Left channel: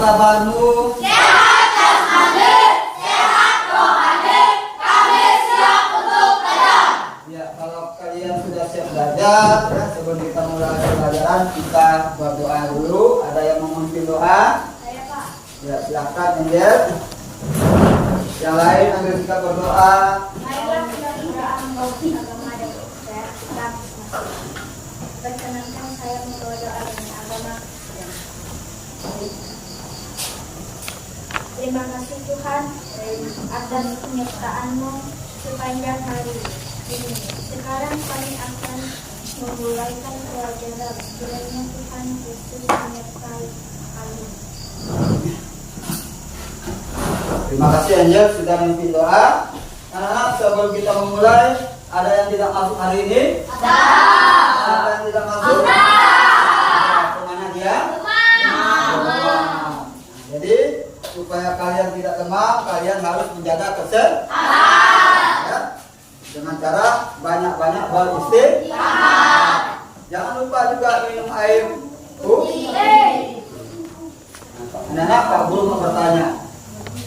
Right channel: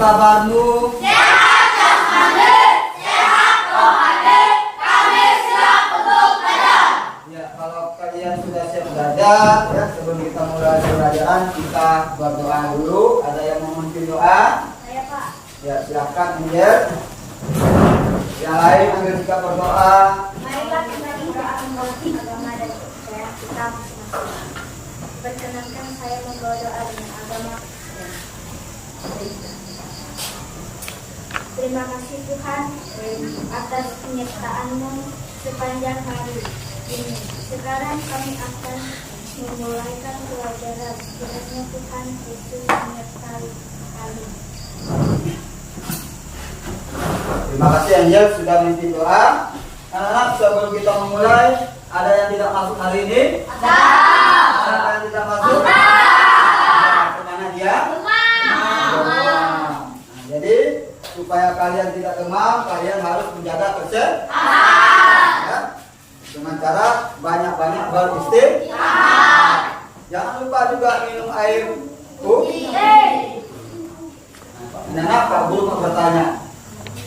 kabarmu? Sehat jasmani, sehat rohani, kami siap untuk belajar. Ya, kalau kalian sudah siap belajar, ya, sebelum kita mulai pelajaran kita berdoa dulu. Ada yang mau memimpin doa? Saya Pak. Ya, silakan Angel. Yang lain ambil kita berdoa. Marilah kita berdoa membawa agama dan saya kita masing-masing. Perkenankan saya membawa doa dengan agama. Terima kasih Tuhan atas penyertaan-Mu sepanjang hari ini. Sekarang kami akan memulaikan pelajaran. Kiranya Tuhan Yesus menyertai kami. Terima kasih Angel sudah memimpin doa. Anak-anak, sebelum kita memulai, ada yang tidak masuk hari ini? Ada. Siapa yang tidak masuk? Ada. Kemana dia? Demam. Demam. Jadi supaya kalian tidak demam, kalian harus menjaga kesehatan. Ya. Dengan cara banyak-banyak beristirahat. Jangan lupa juga minum air putih. Anak-anak, Pak Guru mau bertanya.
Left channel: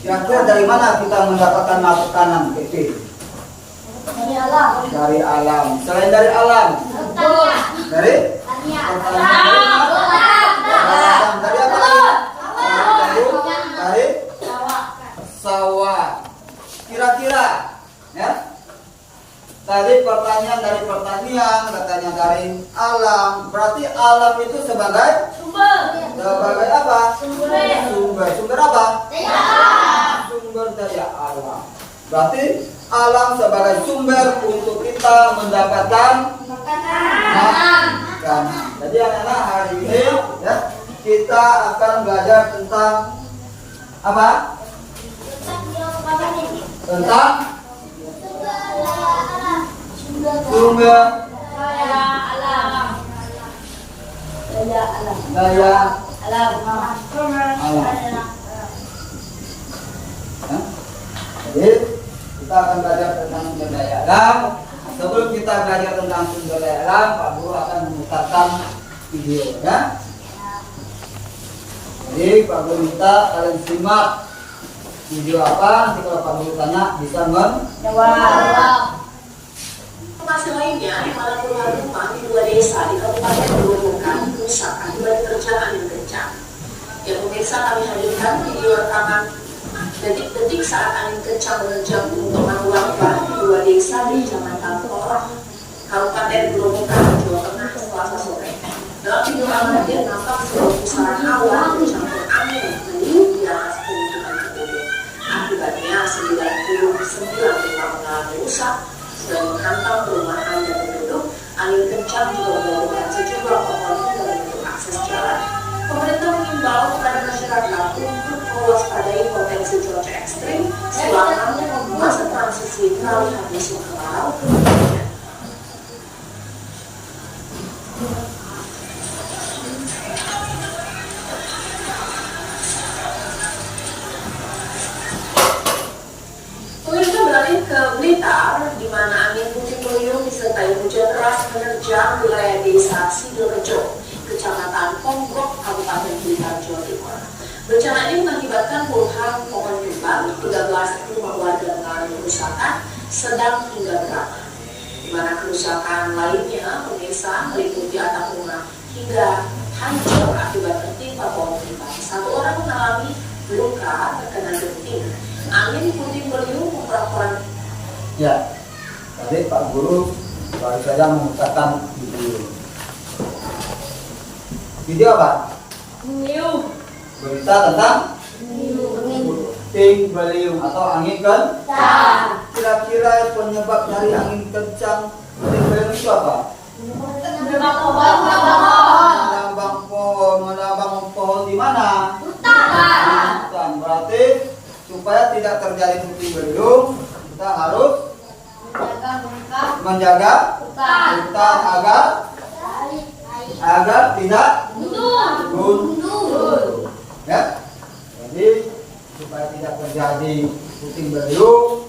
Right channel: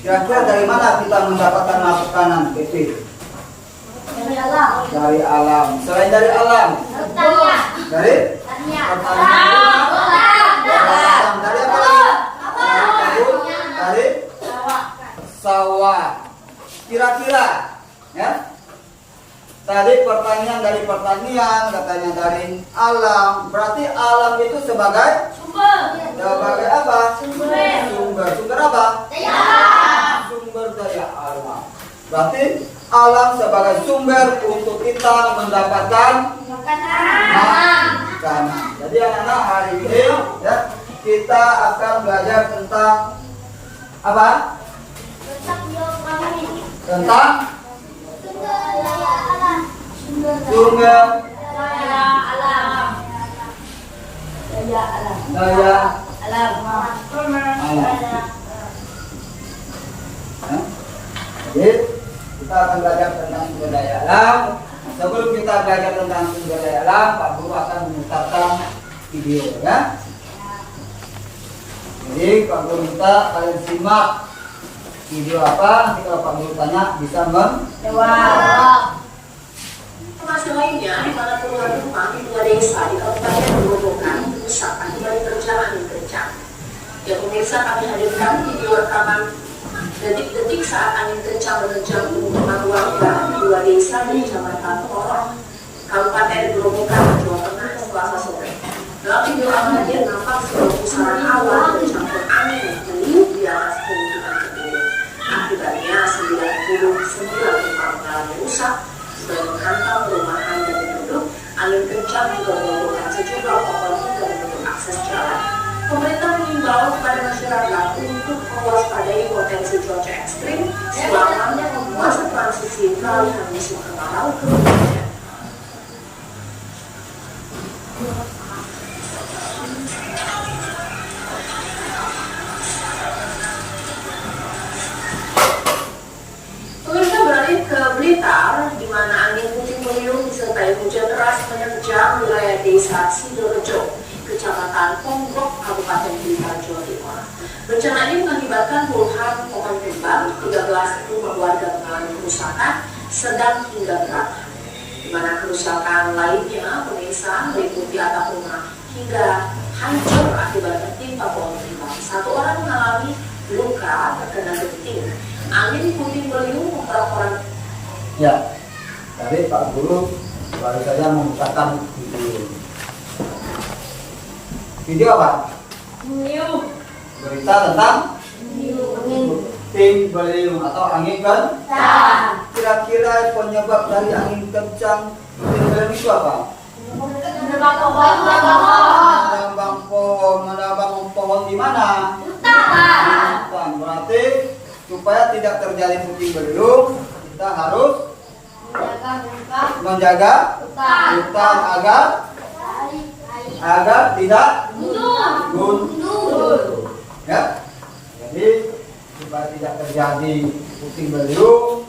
Kira-kira dari mana kita mendapatkan makanan itu? Dari alam. Dari alam. Selain dari alam? Pertanian. Dari? Pertanian. Dari apa lagi? Dari sawah. Kira-kira, ya? Tadi pertanyaan dari pertanian, katanya dari alam. Berarti alam itu sebagai sebagai apa? Sumber apa? Sumber daya alam. Berarti alam sebagai sumber untuk kita mendapatkan makanan. Jadi anak-anak, hari ini ya kita akan belajar tentang apa? Tentang sumber daya alam. Jadi kita akan belajar tentang sumber daya alam. Sebelum kita belajar tentang sumber daya alam, Pak Guru akan memutarkan video, ya. Jadi Pak Guru minta kalian simak video apa. Nanti kalau Pak Guru tanya bisa menjawab. Informasi lainnya, di mana puluhan rumah di 2 desa di Kabupaten Gerobokan rusak akibat terjangan angin kencang. Ya pemirsa, kami hadirkan video rekaman detik-detik saat angin kencang menerjang pemukiman warga di 2 desa di Kecamatan Porong, Kabupaten Gerobokan, Jawa Tengah, Selasa sore. Dalam video amatir nampak sebuah pusaran awan bercampur angin meniup di atas pemukiman tersebut. Akibatnya 99 rumah mengalami rusak dan menghantam perumahan dan penduduk. Angin kencang juga merobohkan sejumlah pohon hingga menutup akses jalan. Pemerintah mengimbau kepada masyarakat untuk mewaspadai potensi cuaca ekstrim selama masa transisi peralihan musim kemarau ke hujan. Pemirsa, beralih ke Blitar, di mana angin puting beliung disertai hujan deras menerjang wilayah desa Sidorejo, Kecamatan Ponggok, Kabupaten Blitar, Jawa Timur. Bencana ini mengakibatkan puluhan pohon tumbang, 13 rumah warga mengalami kerusakan sedang hingga berat. Di mana kerusakan lainnya, pemirsa, meliputi atap rumah hingga hancur akibat tertimpa pohon tumbang. 1 orang mengalami luka terkena genting. Angin puting beliung memperak-perak. Ya, tadi Pak Guru baru saja memutarkan video. Video apa? Berita tentang puting beliung atau angin kencang. Kira-kira penyebab dari angin kencang puting beliung itu apa? Menabang pohon di mana? Hutan. Berarti supaya tidak terjadi puting beliung, kita harus menjaga hutan agar tidak gundul. Ya. Jadi supaya tidak terjadi puting beliung,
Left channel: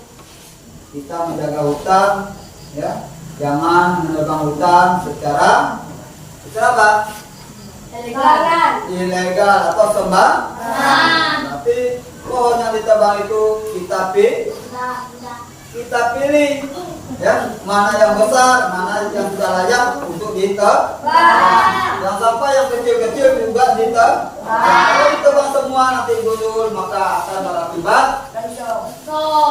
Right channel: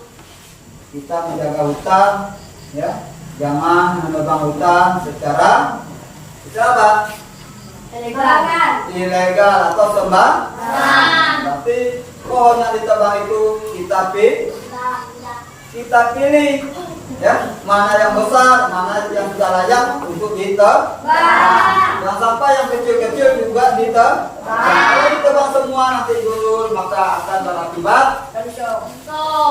kita menjaga hutan, ya. Jangan menebang hutan secara apa? ilegal atau sembarangan. Berarti pohon yang ditebang itu kita pilih, ya, mana yang besar, mana yang sudah layak untuk ditebang. Yang sampah yang kecil-kecil juga ditebang. Kalau ditebang semua nanti gundul, maka akan berakibat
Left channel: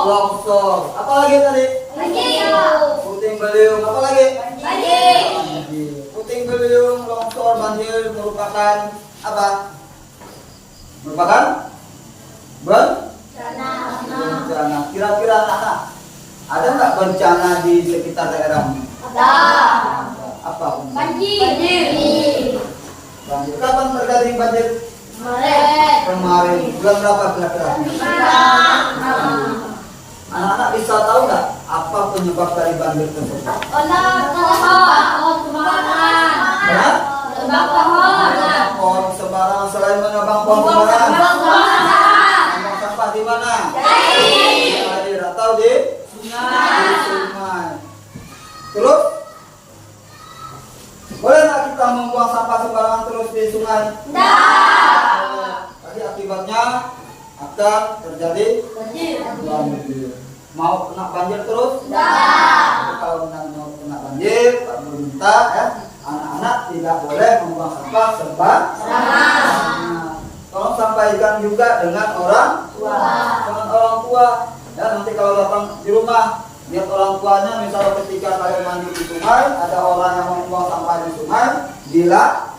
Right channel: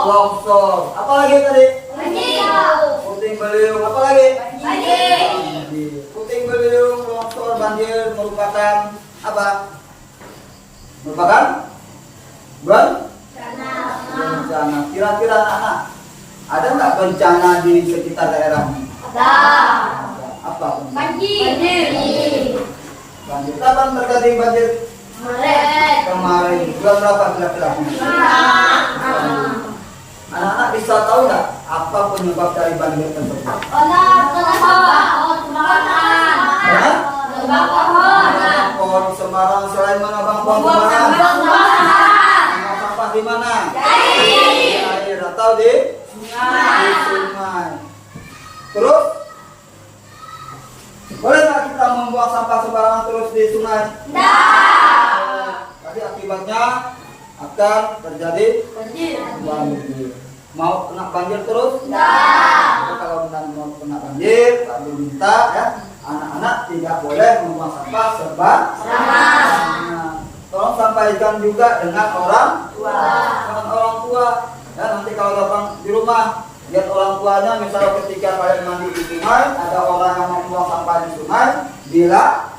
longsor. Apalagi tadi? Puting beliung. Apalagi? Puting beliung, longsor, banjir merupakan apa? Merupakan bencana. Kira-kira anak, ada nggak bencana di sekitar daerahmu? Apa? Banjir. Kapan terjadi banjir? Kemarin. Bulan berapa kira-kira? Anak-anak bisa tahu nggak apa penyebab dari banjir tersebut? Pohon sembarangan. Selain menebang pohon sembarangan, buang sampah di mana? Air atau di sungai. Terus boleh nggak kita membuang sampah sembarangan terus di sungai? Tapi akibatnya akan terjadi banjir. Mau kena banjir terus? Kalau mau kena banjir, Pak Guru minta, ya, anak-anak tidak boleh membuang sampah sembarangan. Tolong sampaikan juga dengan orang tua. Ya, nanti kalau datang di rumah, lihat orang tuanya, misalnya ketika kalian mandi di sungai, ada orang yang membuang sampah di sungai, bilang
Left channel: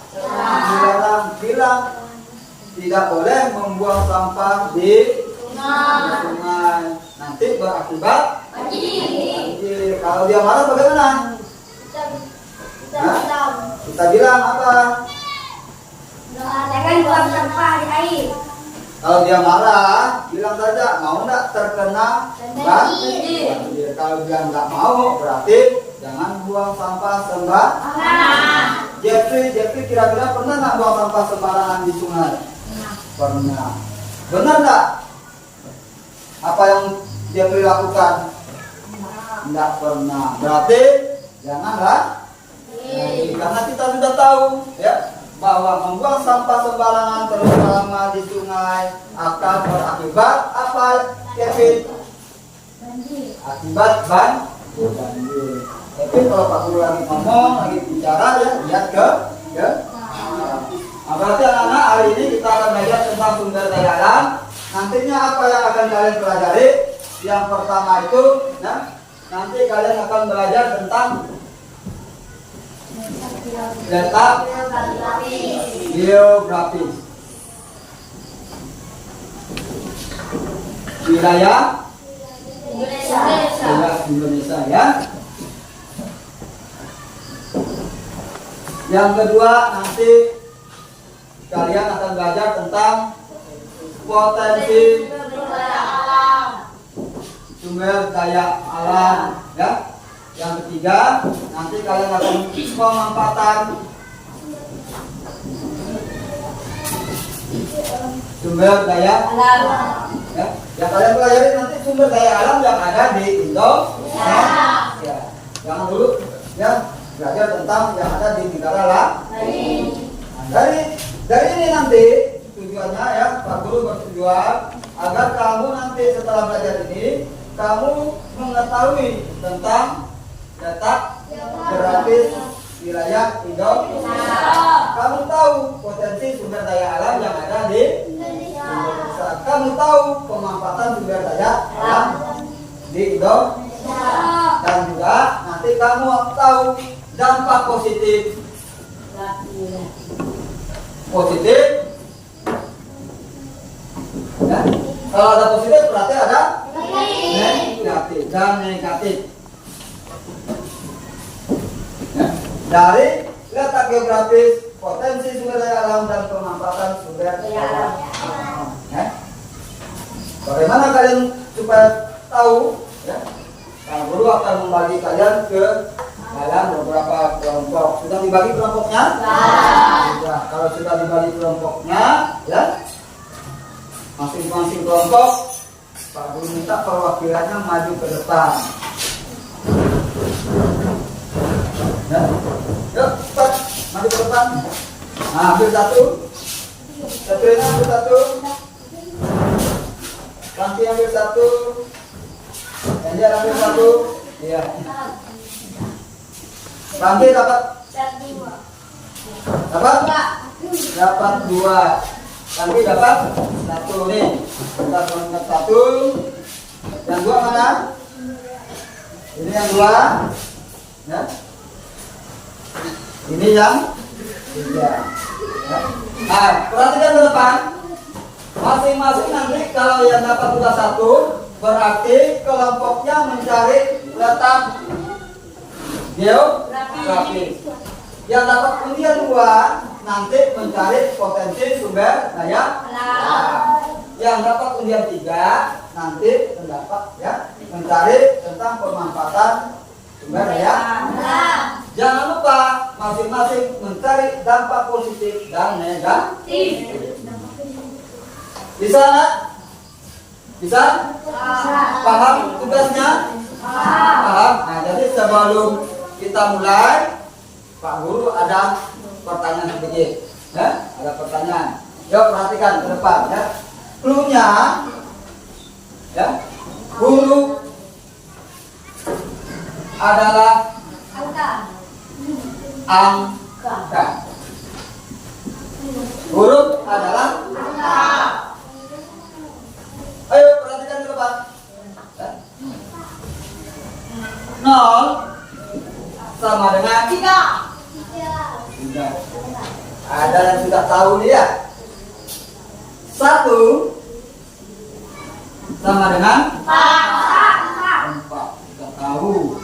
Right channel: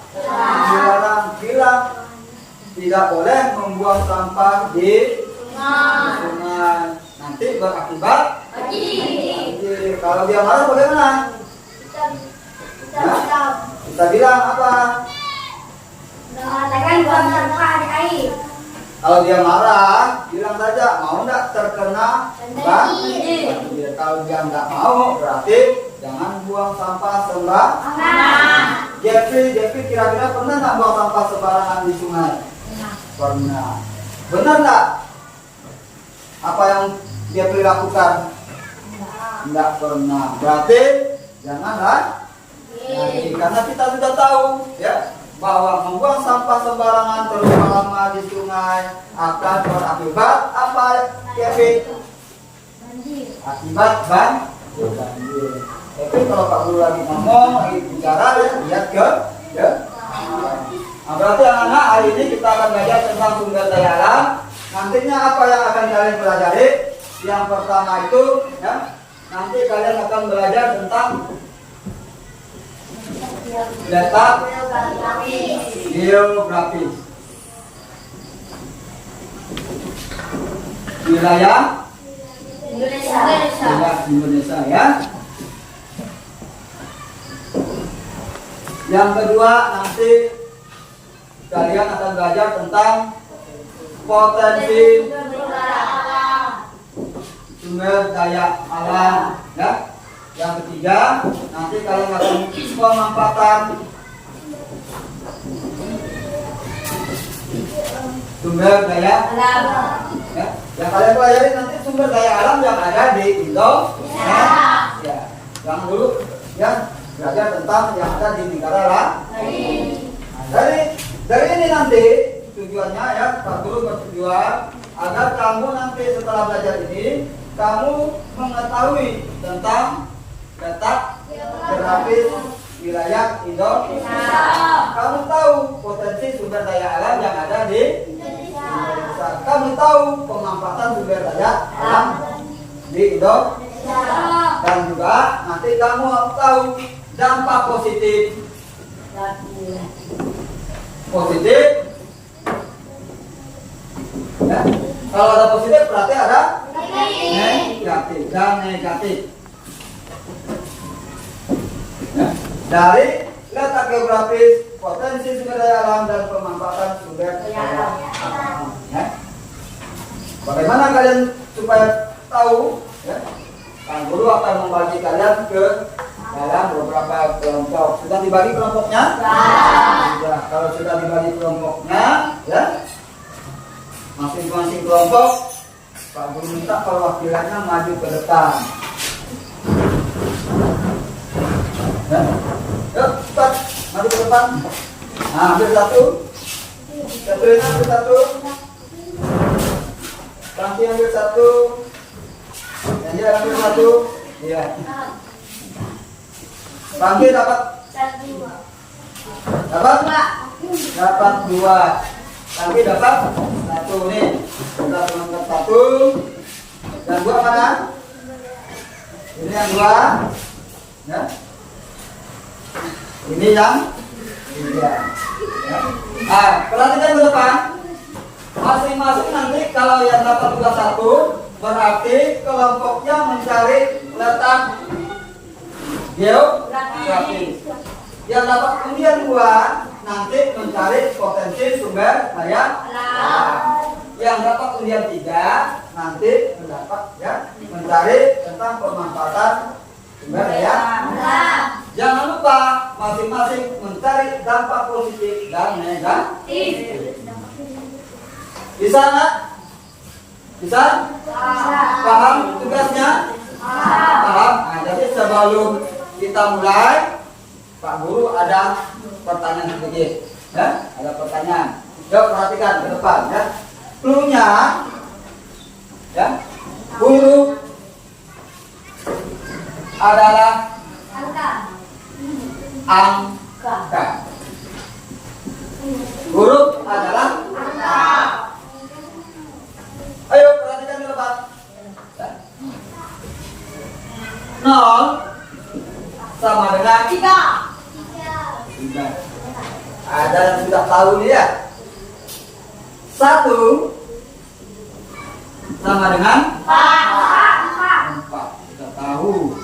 tidak boleh membuang sampah di sungai. Nanti berakibat banjir. Kalau dia marah bagaimana? Kita bilang apa? Kalau dia marah, bilang saja, mau nggak terkena banjir. Kalau dia nggak mau, berarti jangan buang sampah sembarangan. Jeffrey kira-kira pernah nggak buang sampah sembarangan di sungai? Pernah. Benar nggak? Apa yang Jeffrey lakukan? Nggak pernah. Berarti janganlah. Karena kita sudah tahu, ya, bahwa membuang sampah sembarangan terus lama di sungai akan berakibat apa, Kevin? Akibat banjir. Tapi kalau Pak Guru lagi ngomong, lagi bicara, ya, lihat ke. Nah, berarti anak-anak, hari ini kita akan belajar tentang sumber daya alam. Nantinya apa yang akan kalian pelajari? Yang pertama itu, ya, nanti kalian akan belajar tentang letak geografis, wilayah Indonesia, ya. Yang kedua, nanti kalian akan belajar tentang potensi sumber daya alam, ya. Yang ketiga, nanti kalian akan pemanfaatan sumber daya alam, ya. Yang kalian pelajari nanti sumber daya alam yang ada di Indonesia. Ya. Jangan dulu, ya, belajar tentang yang ada di negara lain. Nah, dari ini nanti tujuannya, ya, Pak Guru bertujuan agar kamu nanti setelah belajar ini kamu mengetahui tentang letak geografis wilayah Indonesia. Kamu tahu potensi sumber daya alam yang ada di Indonesia. Kamu tahu pemanfaatan sumber daya alam di Indonesia. Dan juga nanti kamu tahu dampak positif. Ya. Kalau ada positif berarti ada negatif dan negatif. Ya. Dari letak geografis, potensi sumber daya alam dan pemanfaatan sumber daya alam. Ya. Bagaimana kalian supaya tahu? Ya. Pak Guru akan membagi kalian ke dalam beberapa kelompok. Sudah dibagi kelompoknya? Sudah. Kalau sudah dibagi kelompoknya, ya, masing-masing kelompok Pak Guru minta perwakilannya maju ke depan. Ya. Yuk, cepat maju ke depan. Nah, ambil satu. Satuin ambil satu. Bangki ambil satu. Ganjar ambil satu. Iya. Bangki dapat dapat dua. Bangki dapat satu nih. Kita tuangkan satu. Yang dua mana? Ini yang dua. Ya. Ini yang tiga. Ya. Nah, perhatikan ke depan. Masing-masing nanti kalau yang dapat tugas satu, berarti kelompoknya mencari letak geografi. Yang dapat undian dua, nanti mencari potensi sumber daya alam. Yang dapat undian tiga, nanti mendapat ya mencari tentang pemanfaatan sumber daya alam. Jangan lupa masing-masing mencari dampak positif dan negatif. Bisa nggak? Bisa? Paham tugasnya? Paham? Nah, jadi sebelum kita mulai, Pak Guru ada pertanyaan sedikit. Ya? Ada pertanyaan. Jawab, perhatikan ke depan. Ya? Cluenya, ya, huruf adalah angka. Huruf adalah angka. Ayo perhatikan ke depan. Ya. 0 sama dengan 3. Ada yang sudah tahu nih ya. 1 sama dengan 4. Kita tahu.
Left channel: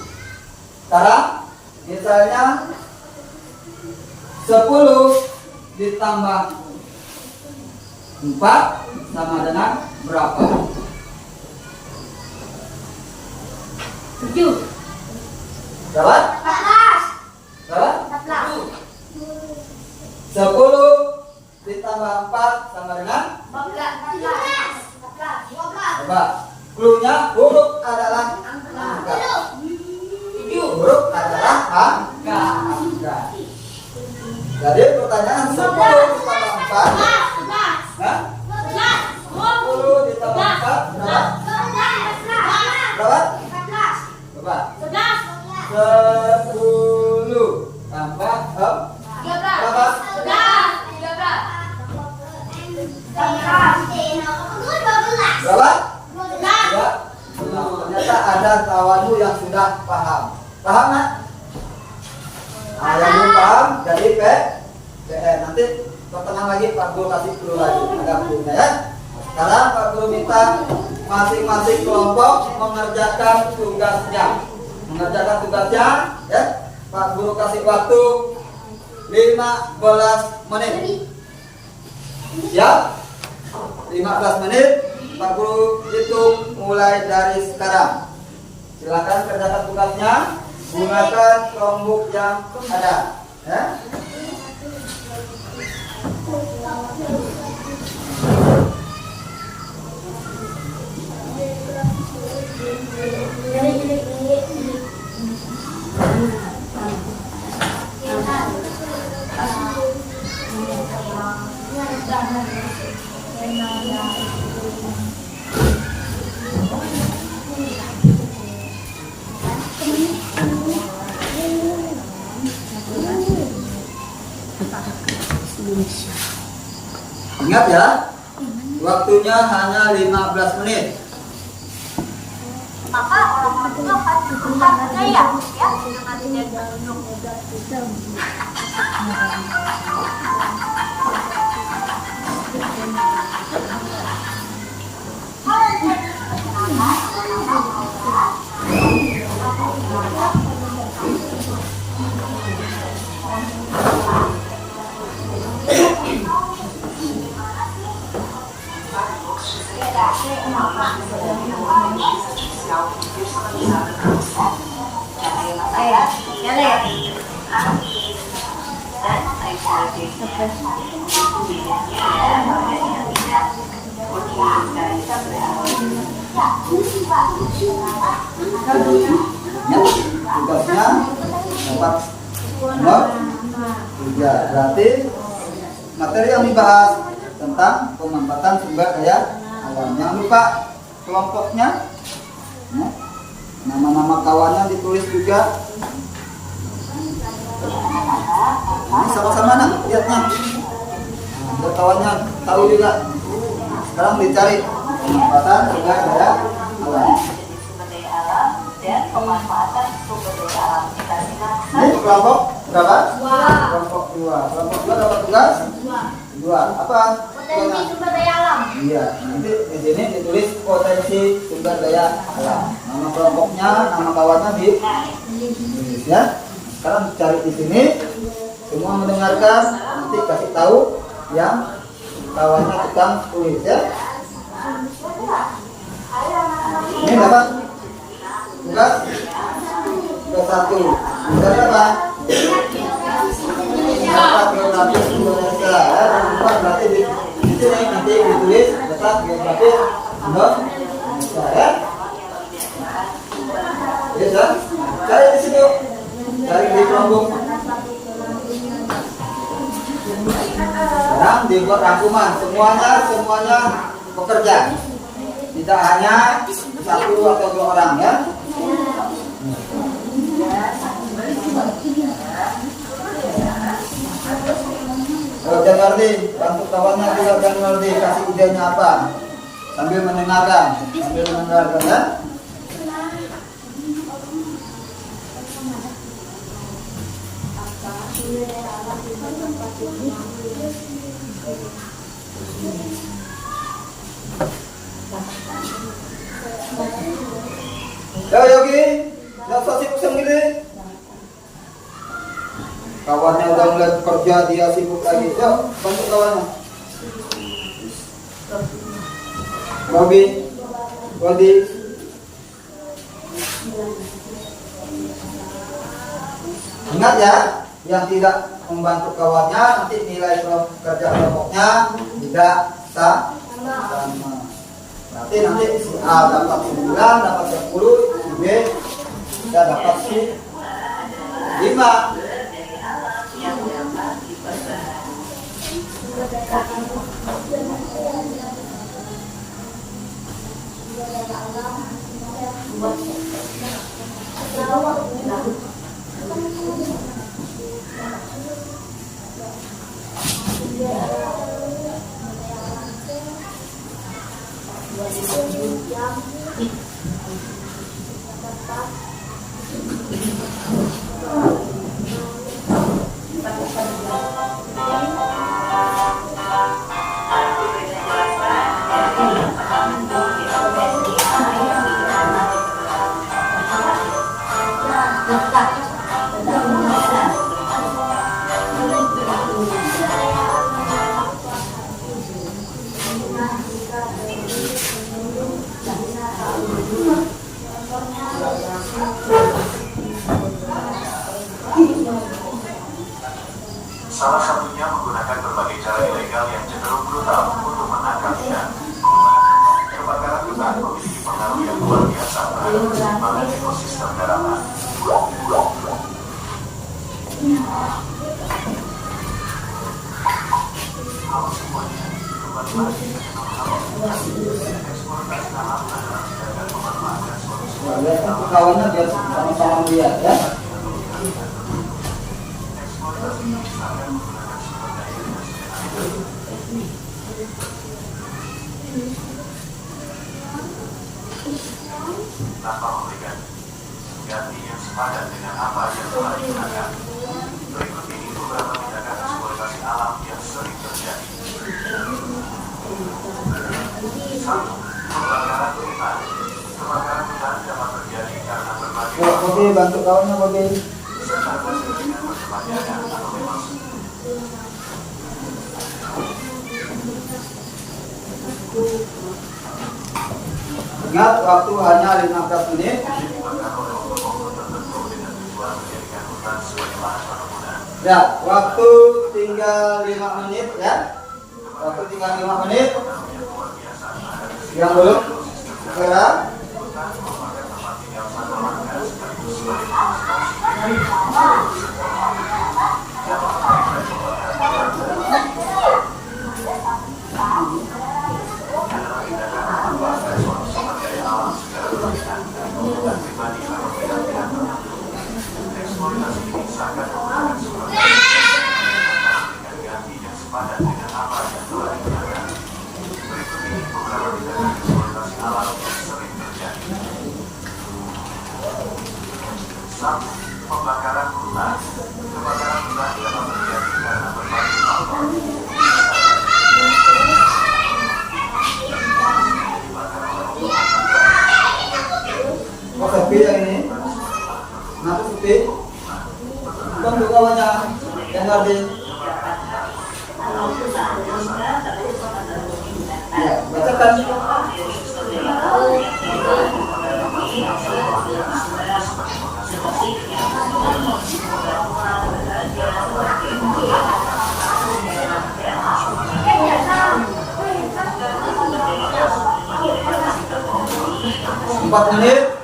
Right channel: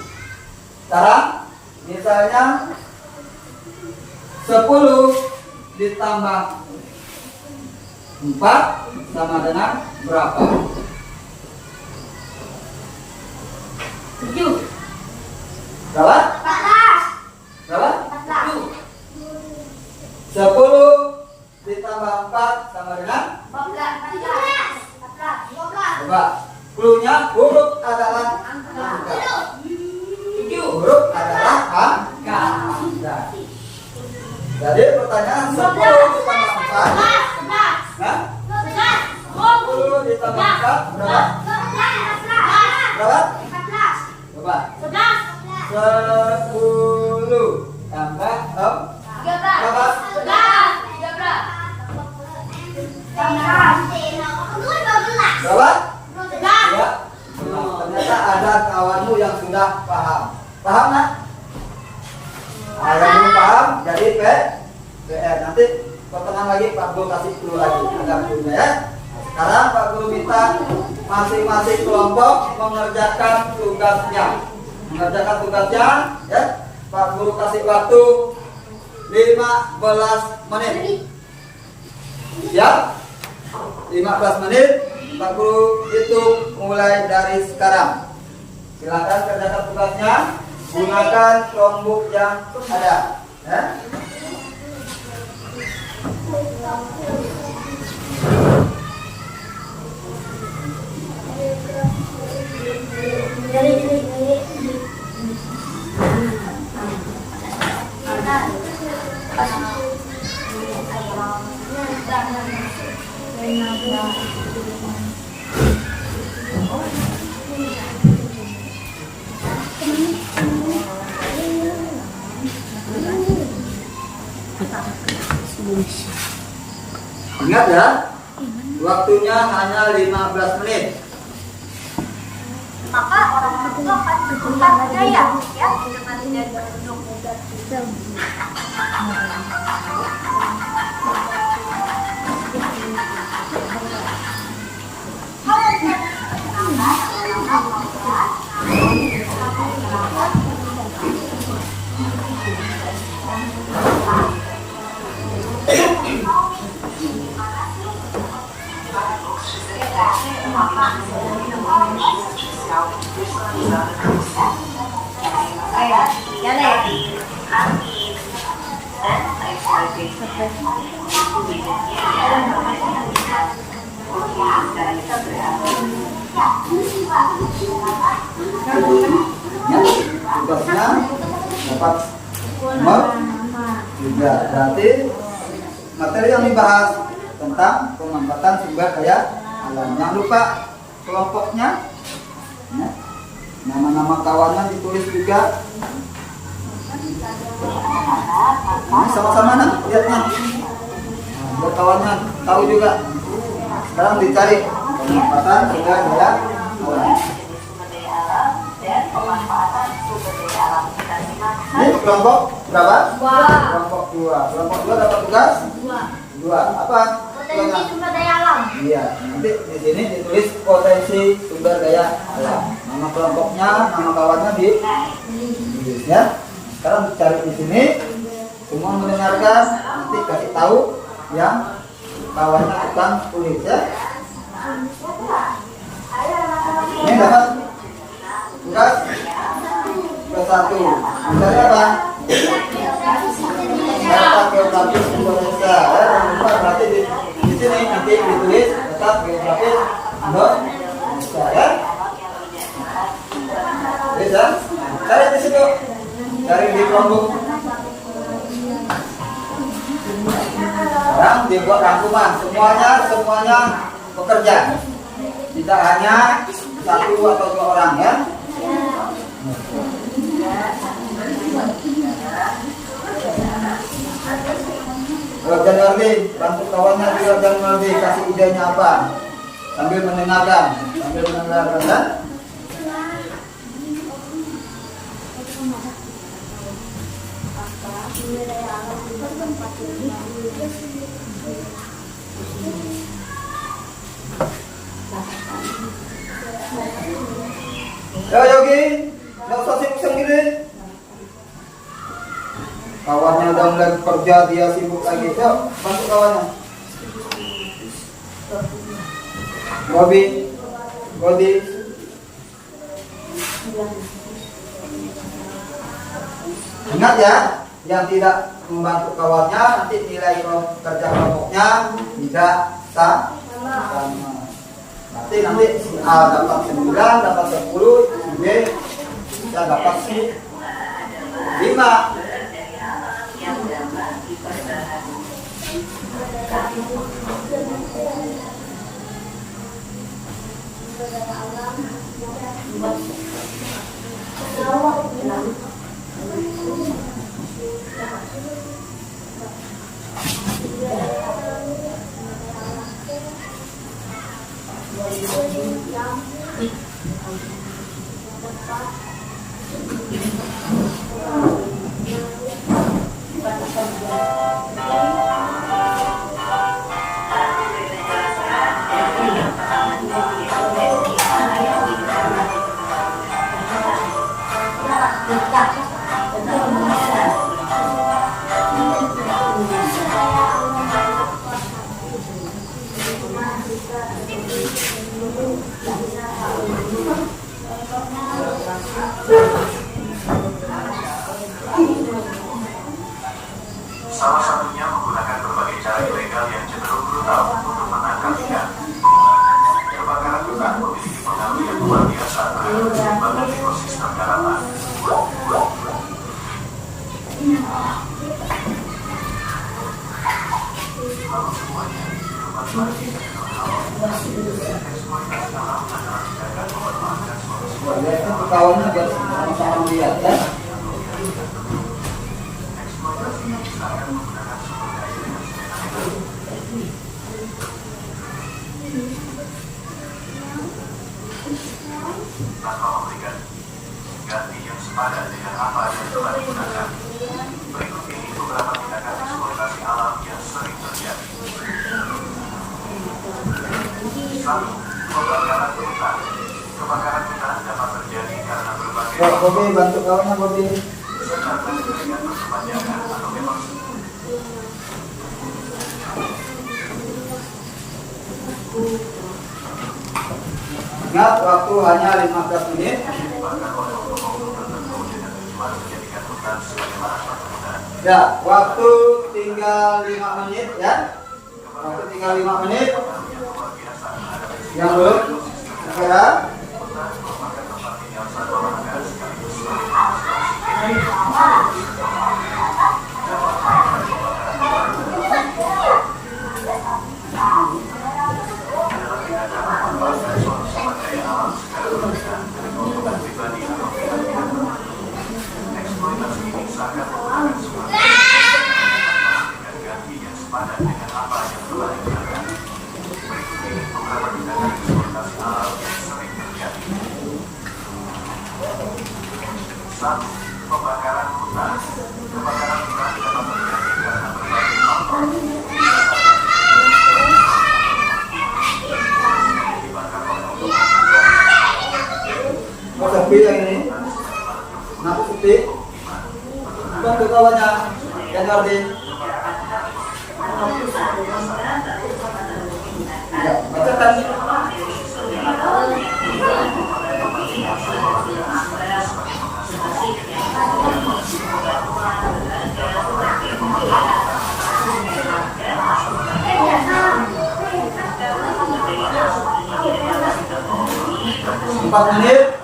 Sekarang misalnya 10 ditambah 4 sama dengan berapa? 7. Berapa? 14. Berapa? 14. 10 ditambah 4 sama dengan 14. coba. Cluenya huruf adalah angka. Huruf adalah angka. Jadi pertanyaan 10 ditambah 4. Hah? 10 ditambah 4 berapa? Berapa? Coba. 10 tambah berapa? 13. Berapa? 2. Ternyata ada kawanmu yang sudah paham. Paham nggak? Nah, yang belum paham jadi PR. Nanti pertengahan lagi Pak Guru kasih clue lagi. Ada clue-nya ya. Sekarang Pak Guru minta masing-masing kelompok mengerjakan tugasnya. Ya. Pak Guru kasih waktu 15 menit. Ya. 15 menit. Pak Guru hitung mulai dari sekarang. Silakan kerjakan tugasnya. Gunakan Chromebook yang ada. Ya. Ingat ya, waktunya hanya 15 menit. Maka orang-orang itu akan bertukar budaya ya dengan tidak duduk. Tugasnya dapat nomor 3. Berarti materi yang dibahas tentang pemanfaatan sumber daya alam. Jangan lupa kelompoknya, ya. Nama-nama kawannya ditulis juga. Ini sama-sama nak lihatnya. Nah, biar kawannya tahu juga. Sekarang dicari pemanfaatan sumber daya alam. Dan pemanfaatan sumber daya alam. Kita simak. Ini kelompok berapa? 2. Kelompok 2. Kelompok 2 dapat tugas 2. Apa? Potensi sumber daya alam. Iya, nanti di sini ditulis potensi sumber daya alam. Nama kelompoknya, nama kawannya ditulis ya. Sekarang cari di sini, semua mendengarkan, nanti kasih tahu yang kawannya tukang tulis ya. Ini dapat tugas ke-1. Tugasnya apa? Data geografi Indonesia ya. Berarti di sini nanti ditulis data geografi Indonesia ya. Tulis ya. Cari di situ. Cari di kelompok. Sekarang dibuat rangkuman. Semuanya bekerja. Tidak hanya 1 atau 2 orang ya. Januardi, bantu kawannya juga Januardi, kasih idenya apa? Sambil mendengarkan ya. Yo Yogi, nggak usah sibuk sendiri. Kawannya udah mulai kerja, dia sibuk lagi. Yuk, bantu kawannya. Bobby. Ingat ya, yang tidak membantu kawannya nanti nilai kerja kelompoknya tidak sama. Nanti si A dapat 9, dapat 10, si B tidak dapat si 5. Salah satunya menggunakan berbagai cara ilegal yang cenderung brutal untuk menangkap ikan. Kebakaran hutan memiliki pengaruh yang luar biasa terhadap keseimbangan ekosistem daratan. Halo semuanya, kembali lagi ke channel eksploitasi alam adalah tindakan memanfaatkan suatu sumber alam. Kawannya biar sama-sama lihat ya. Eksploitasi ini akan menggunakan sumber daya yang tanpa memberikan ganti yang sepadan dengan apa yang telah digunakan. Berikut ini beberapa tindakan eksploitasi alam yang sering terjadi. 1. Pembakaran hutan. Kebakaran hutan dapat terjadi karena berbagai Bobby, bantu kawannya Bobby. serta dengan persepanjangan atau memang Ingat, waktu hanya 15 menit. dibakar oleh oknum tertentu dengan tujuan menjadikan hutan sebagai lahan perkebunan. Ya, waktu tinggal 5 menit ya. Waktu tinggal 5 menit. Yang belum segera. Hutan merupakan tempat tinggal satu warga sekaligus sebagai proses oksigen. Dampak lain dari pembakaran hutan dengan apa yang telah dijelaskan. Berikut ini beberapa tindakan eksploitasi alam yang sering terjadi. 1. Pembakaran hutan. Kebakaran hutan dapat terjadi karena berbagai faktor. Dibakar oleh Oh, sepi yang ini. Kenapa sepi? Kan kawannya yang ngerti. Ya, bacakan. Empat menit.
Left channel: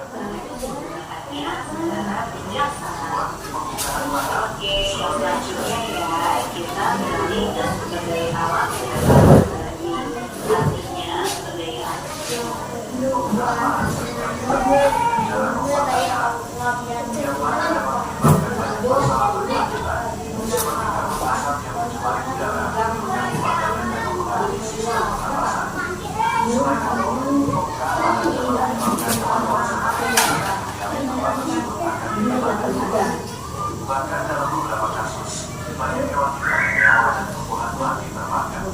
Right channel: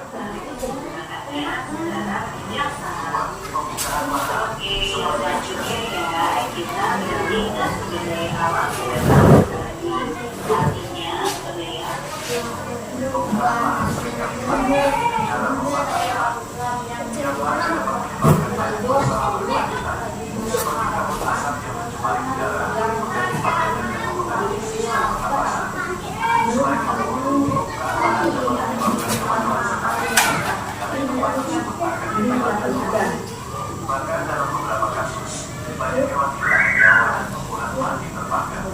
Bahkan dalam beberapa kasus, banyak hewan hilang nyawa dan tumbuhan mati terbakar.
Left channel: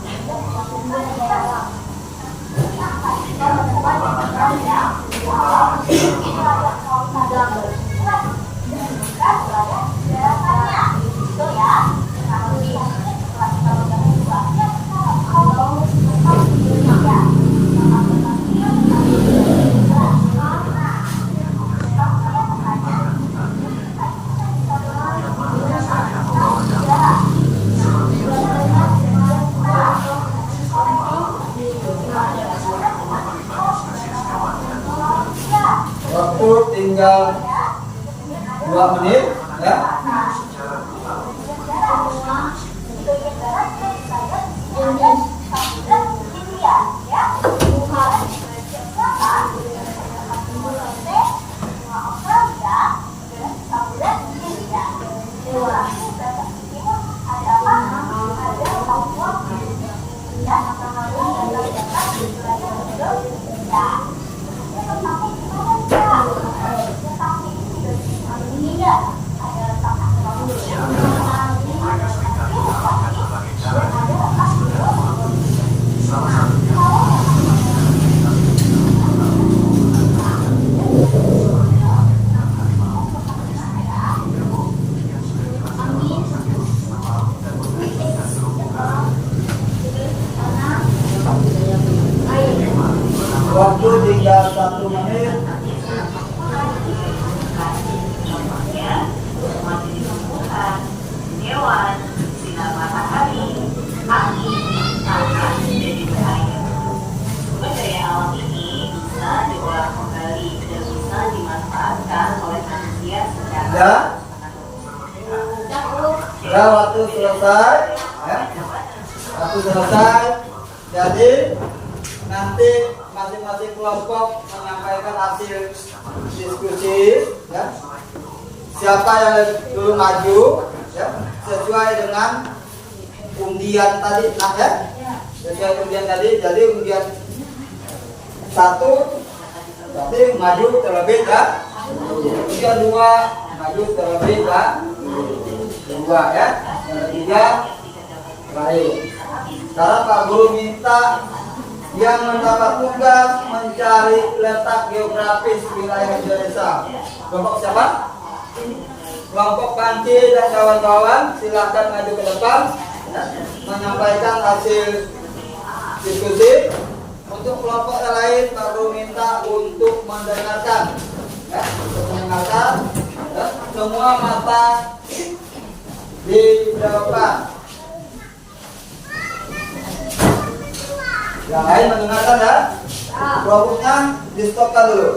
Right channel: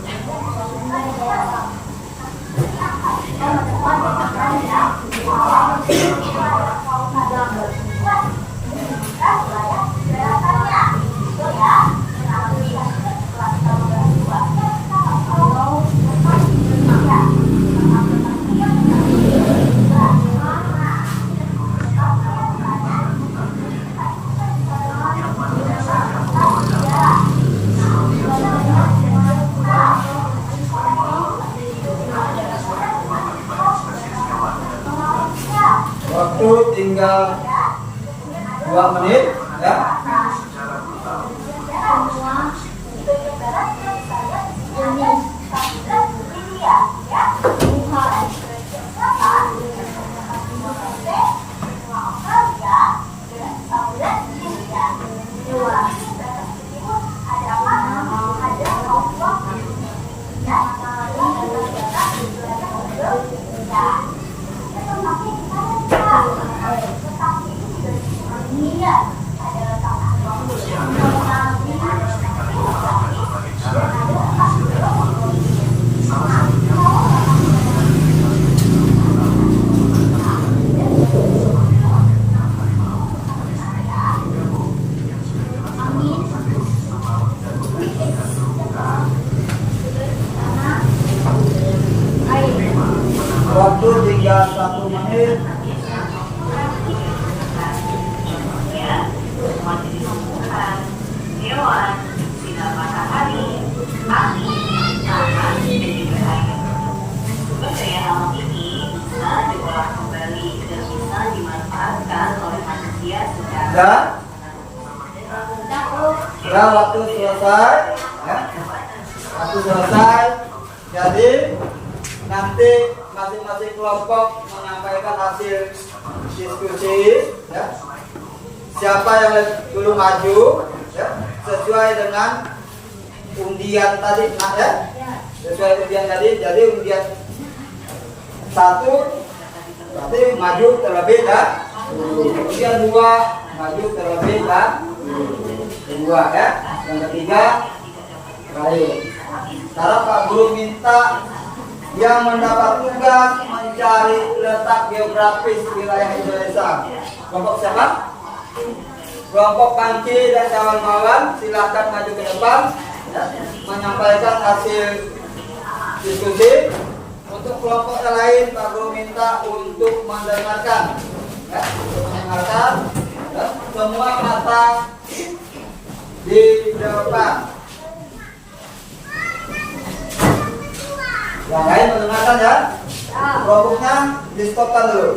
Waktu tinggal 2 menit ya. Waktu tinggal 1 menit. Hewan, sinar matahari, angin, tanah, dan juga air. Sumber daya alam ini bisa diolah kembali dan bisa dimanfaatkan oleh manusia secara Ya, waktu selesai ya. Waktu selesai. Jadi nanti masing-masing kelompok menyampaikan hasil diskusi ya. Siapa yang dulu maju ya, sesuai dengan undian tadi nah ya. Sesuai undian tadi, jadi undian 1 berarti maju terlebih undian 2 maju terlebih dua ya. Yang ketiga baik. Sekarang Pak Guru minta yang mendapat tugas mencari letak geografis wilayah Indonesia. Kelompok siapa? Kelompok Panci dan kawan-kawan silakan maju ke depan ya, menyampaikan hasil diskusi. Untuk kelompok yang lain Pak Guru minta untuk mendengarkan ya, untuk mendengarkan ya, semua mata di depan. Yang lain mendengarkan ya. Produknya di stopkan dulu.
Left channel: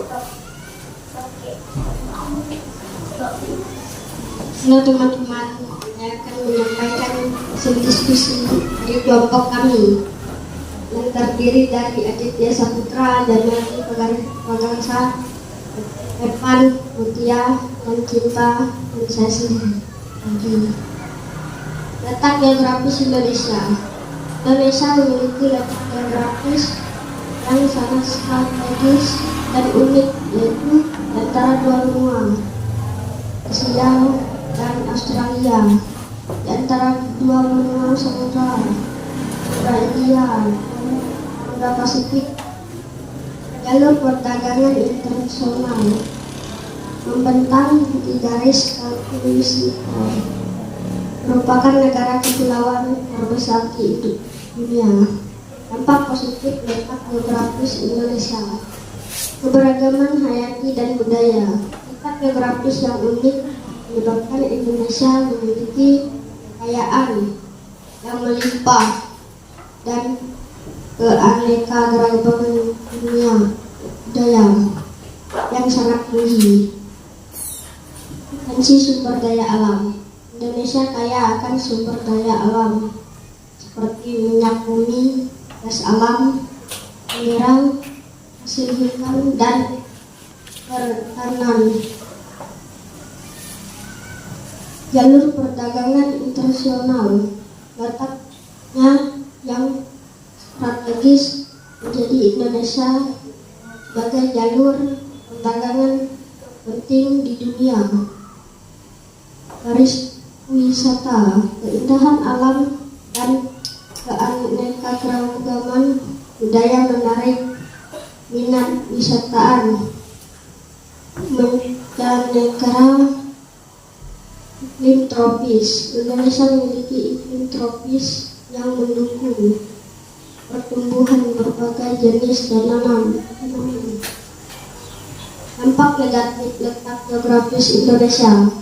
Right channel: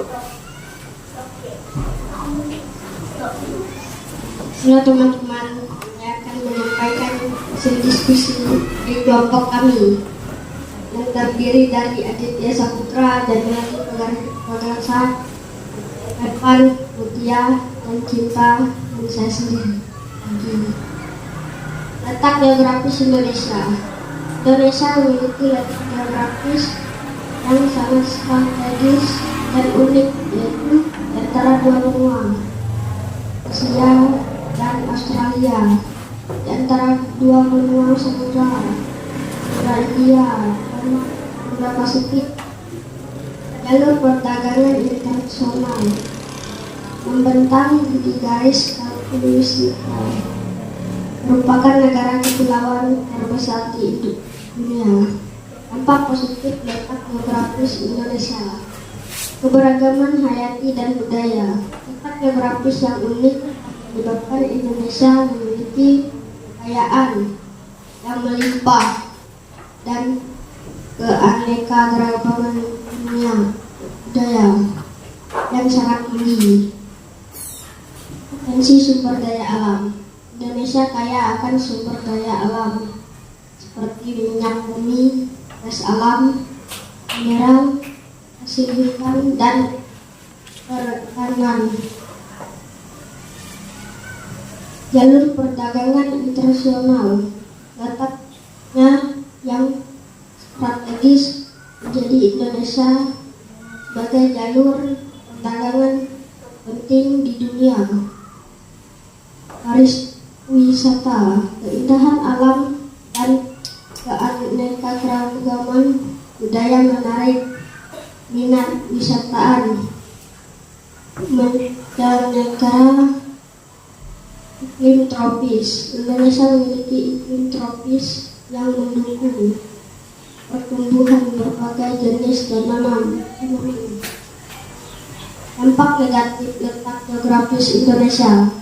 Halo teman-teman, saya akan menyampaikan hasil diskusi di kelompok kami yang terdiri dari Aditya Saputra, Janani Pagarsah, Evan, Mutia, dan Cinta, dan saya sendiri. Letak geografis Indonesia. Indonesia memiliki letak geografis yang sangat strategis dan unik, yaitu antara dua benua, Asia dan Australia, di antara dua benua samudra, India dan Samudra Pasifik. Jalur perdagangan internasional membentang di garis khatulistiwa, merupakan negara kepulauan terbesar di dunia. Dampak positif letak geografis Indonesia: keberagaman hayati dan budaya. Letak geografis yang unik menyebabkan Indonesia memiliki kekayaan yang melimpah dan keanekaragaman dunia budaya yang sangat tinggi. Potensi sumber daya alam. Indonesia kaya akan sumber daya alam seperti minyak bumi, gas alam, mineral, hasil hutan, dan perikanan. Jalur perdagangan internasional. Letaknya yang strategis menjadi Indonesia sebagai jalur perdagangan penting di dunia. Garis wisata, keindahan alam dan keanekaragaman budaya menarik minat wisataan. Mancanegara. Iklim tropis. Indonesia memiliki iklim tropis yang mendukung pertumbuhan berbagai jenis tanaman. Dampak negatif letak geografis Indonesia:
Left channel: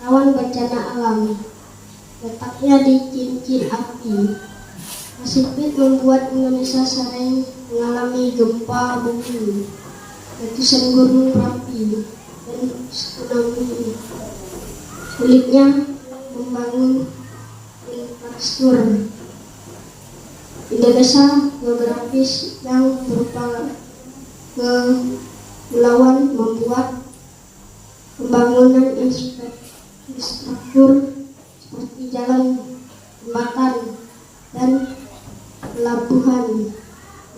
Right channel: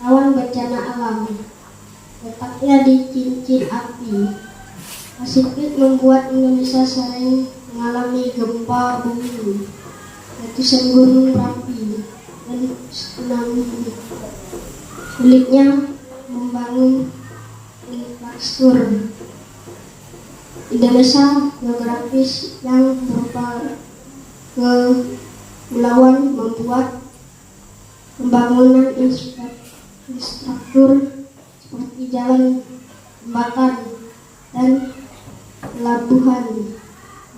rawan bencana alam. Letaknya di cincin api Pasifik membuat Indonesia sering mengalami gempa bumi, letusan gunung berapi, dan tsunami. Sulitnya membangun infrastruktur. Indonesia geografis yang berupa kepulauan membuat pembangunan infrastruktur seperti jalan, jembatan, dan pelabuhan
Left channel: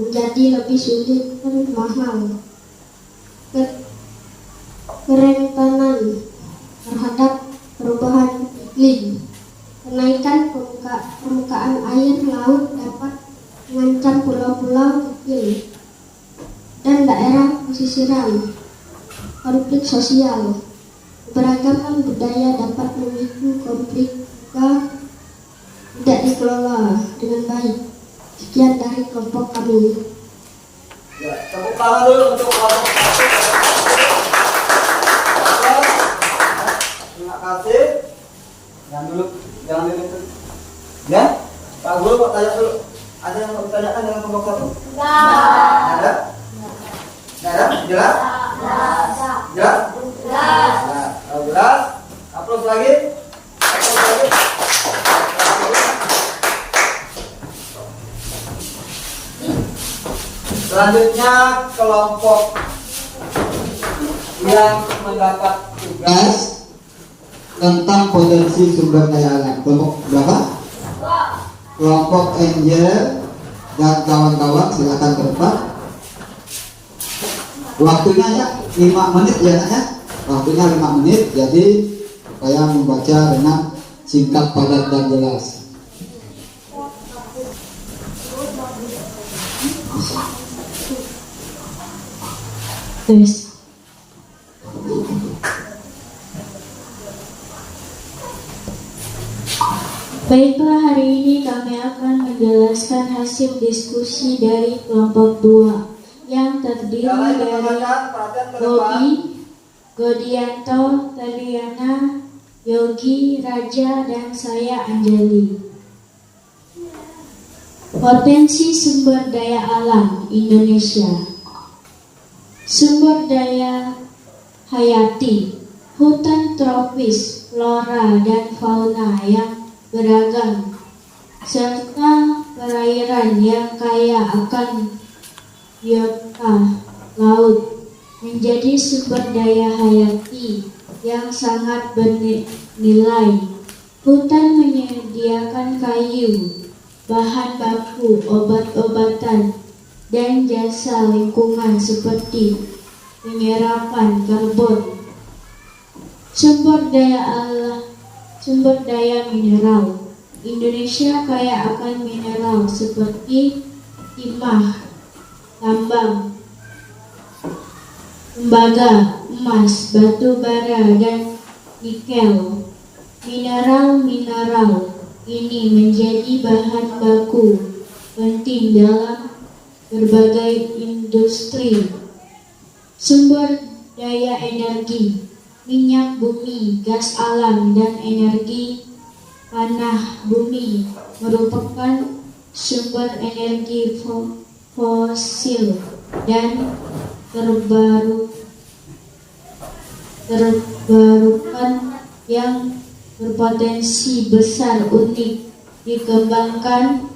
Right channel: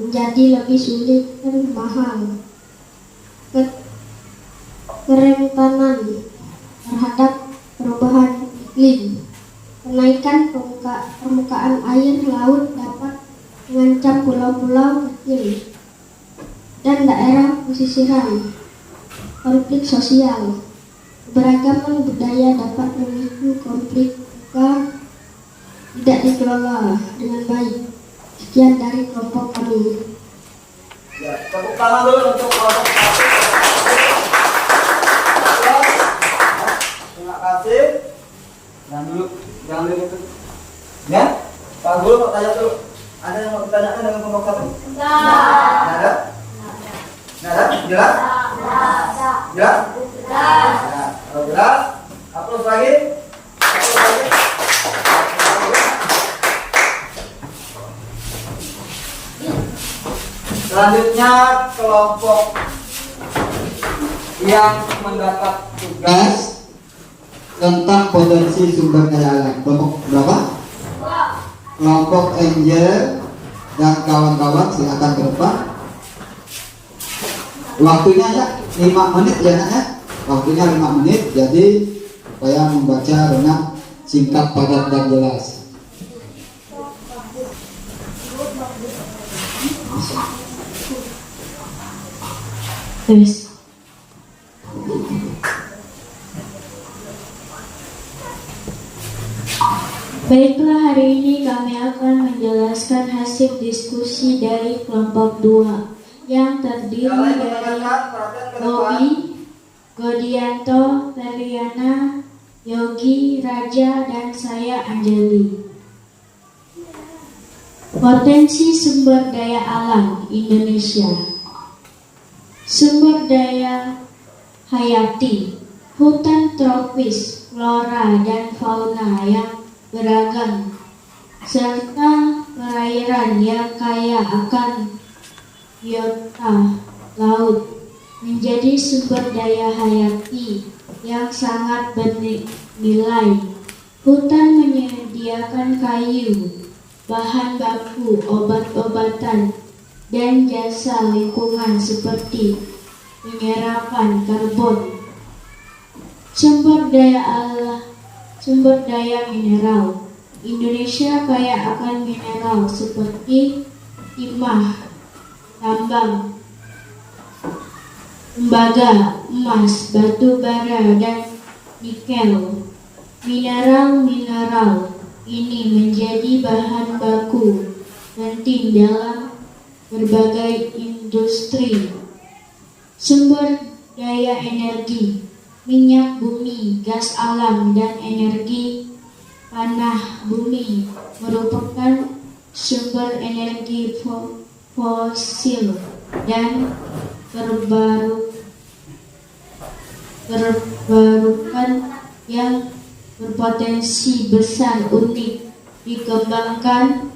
menjadi lebih sulit dan mahal. Kerentanan terhadap perubahan iklim. Kenaikan permukaan air laut dapat mengancam pulau-pulau kecil dan daerah pesisiran. Konflik sosial. Keberagaman budaya dapat memicu konflik jika tidak dikelola dengan baik. Sekian dari kelompok kami. Ya, tepuk tangan dulu untuk kelompok satu. Terima kasih. Yang dulu. Ya, Pak Guru, Pak tanya dulu. Ada yang mau ditanyakan dengan kelompok satu? Ada? Ada? Jelas? Jelas? Nah, kalau jelas, upload lagi. Selanjutnya kelompok yang mendapat tugas tentang potensi sumber daya alam. Kelompok berapa? Kelompok Angel dan kawan-kawan silakan ke depan. Waktunya ya 5 menit ya nak ya. Waktunya 5 menit, jadi supaya membaca dengan singkat, padat, dan jelas. Yes. Baiklah, hari ini kami akan menjelaskan hasil diskusi dari kelompok 2 yang terdiri dari Bobi, Godianto, Teliana, Yogi, Raja, dan saya Anjeli. Potensi sumber daya alam Indonesia. Sumber daya hayati, hutan tropis, flora dan fauna yang beragam, serta perairan yang kaya akan biota laut menjadi sumber daya hayati yang sangat bernilai. Hutan menyediakan kayu, bahan baku, obat-obatan, dan jasa lingkungan seperti penyerapan karbon. Sumber daya mineral. Indonesia kaya akan mineral seperti timah, tambang, tembaga, emas, batu bara, dan nikel. Mineral ini menjadi bahan baku penting dalam berbagai industri. Sumber daya energi. Minyak bumi, gas alam, dan energi tanah bumi merupakan sumber energi fosil dan terbarukan yang berpotensi besar unik dikembangkan.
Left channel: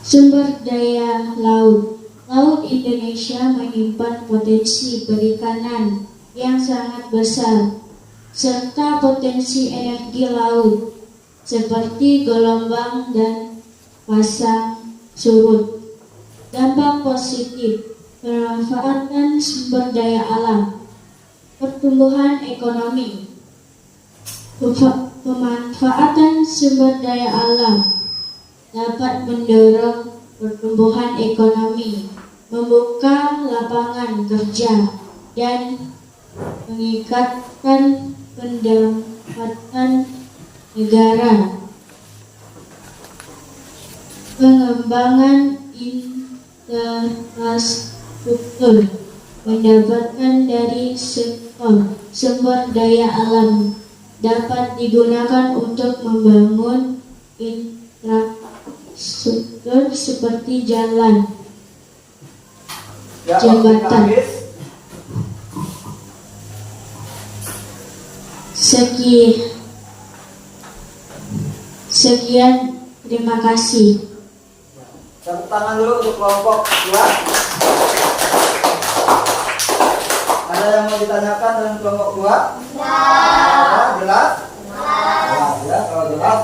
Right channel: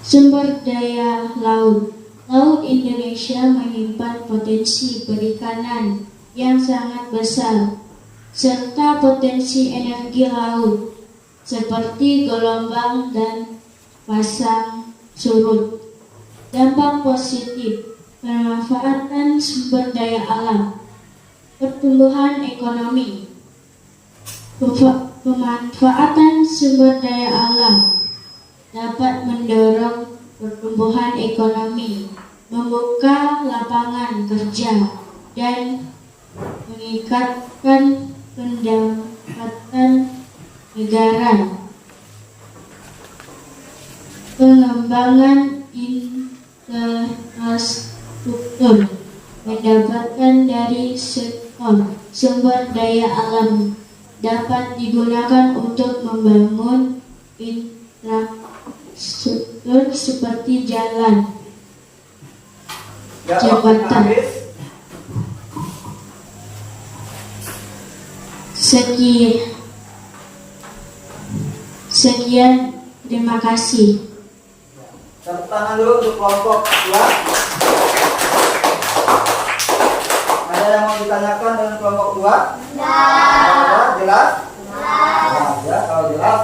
Sumber daya laut. Laut Indonesia menyimpan potensi perikanan yang sangat besar, serta potensi energi laut seperti gelombang dan pasang surut. Dampak positif pemanfaatan sumber daya alam. Pertumbuhan ekonomi. Pemanfaatan sumber daya alam dapat mendorong pertumbuhan ekonomi, membuka lapangan kerja, dan meningkatkan pendapatan negara. Pengembangan infrastruktur. Pendapatan dari sektor sumber daya alam dapat digunakan untuk membangun infrastruktur seperti jalan, jembatan. Sekian, terima kasih. Tepuk tangan dulu untuk kelompok 2. Ada yang mau ditanyakan dengan kelompok 2? Ya. Jelas? Ya, kalau jelas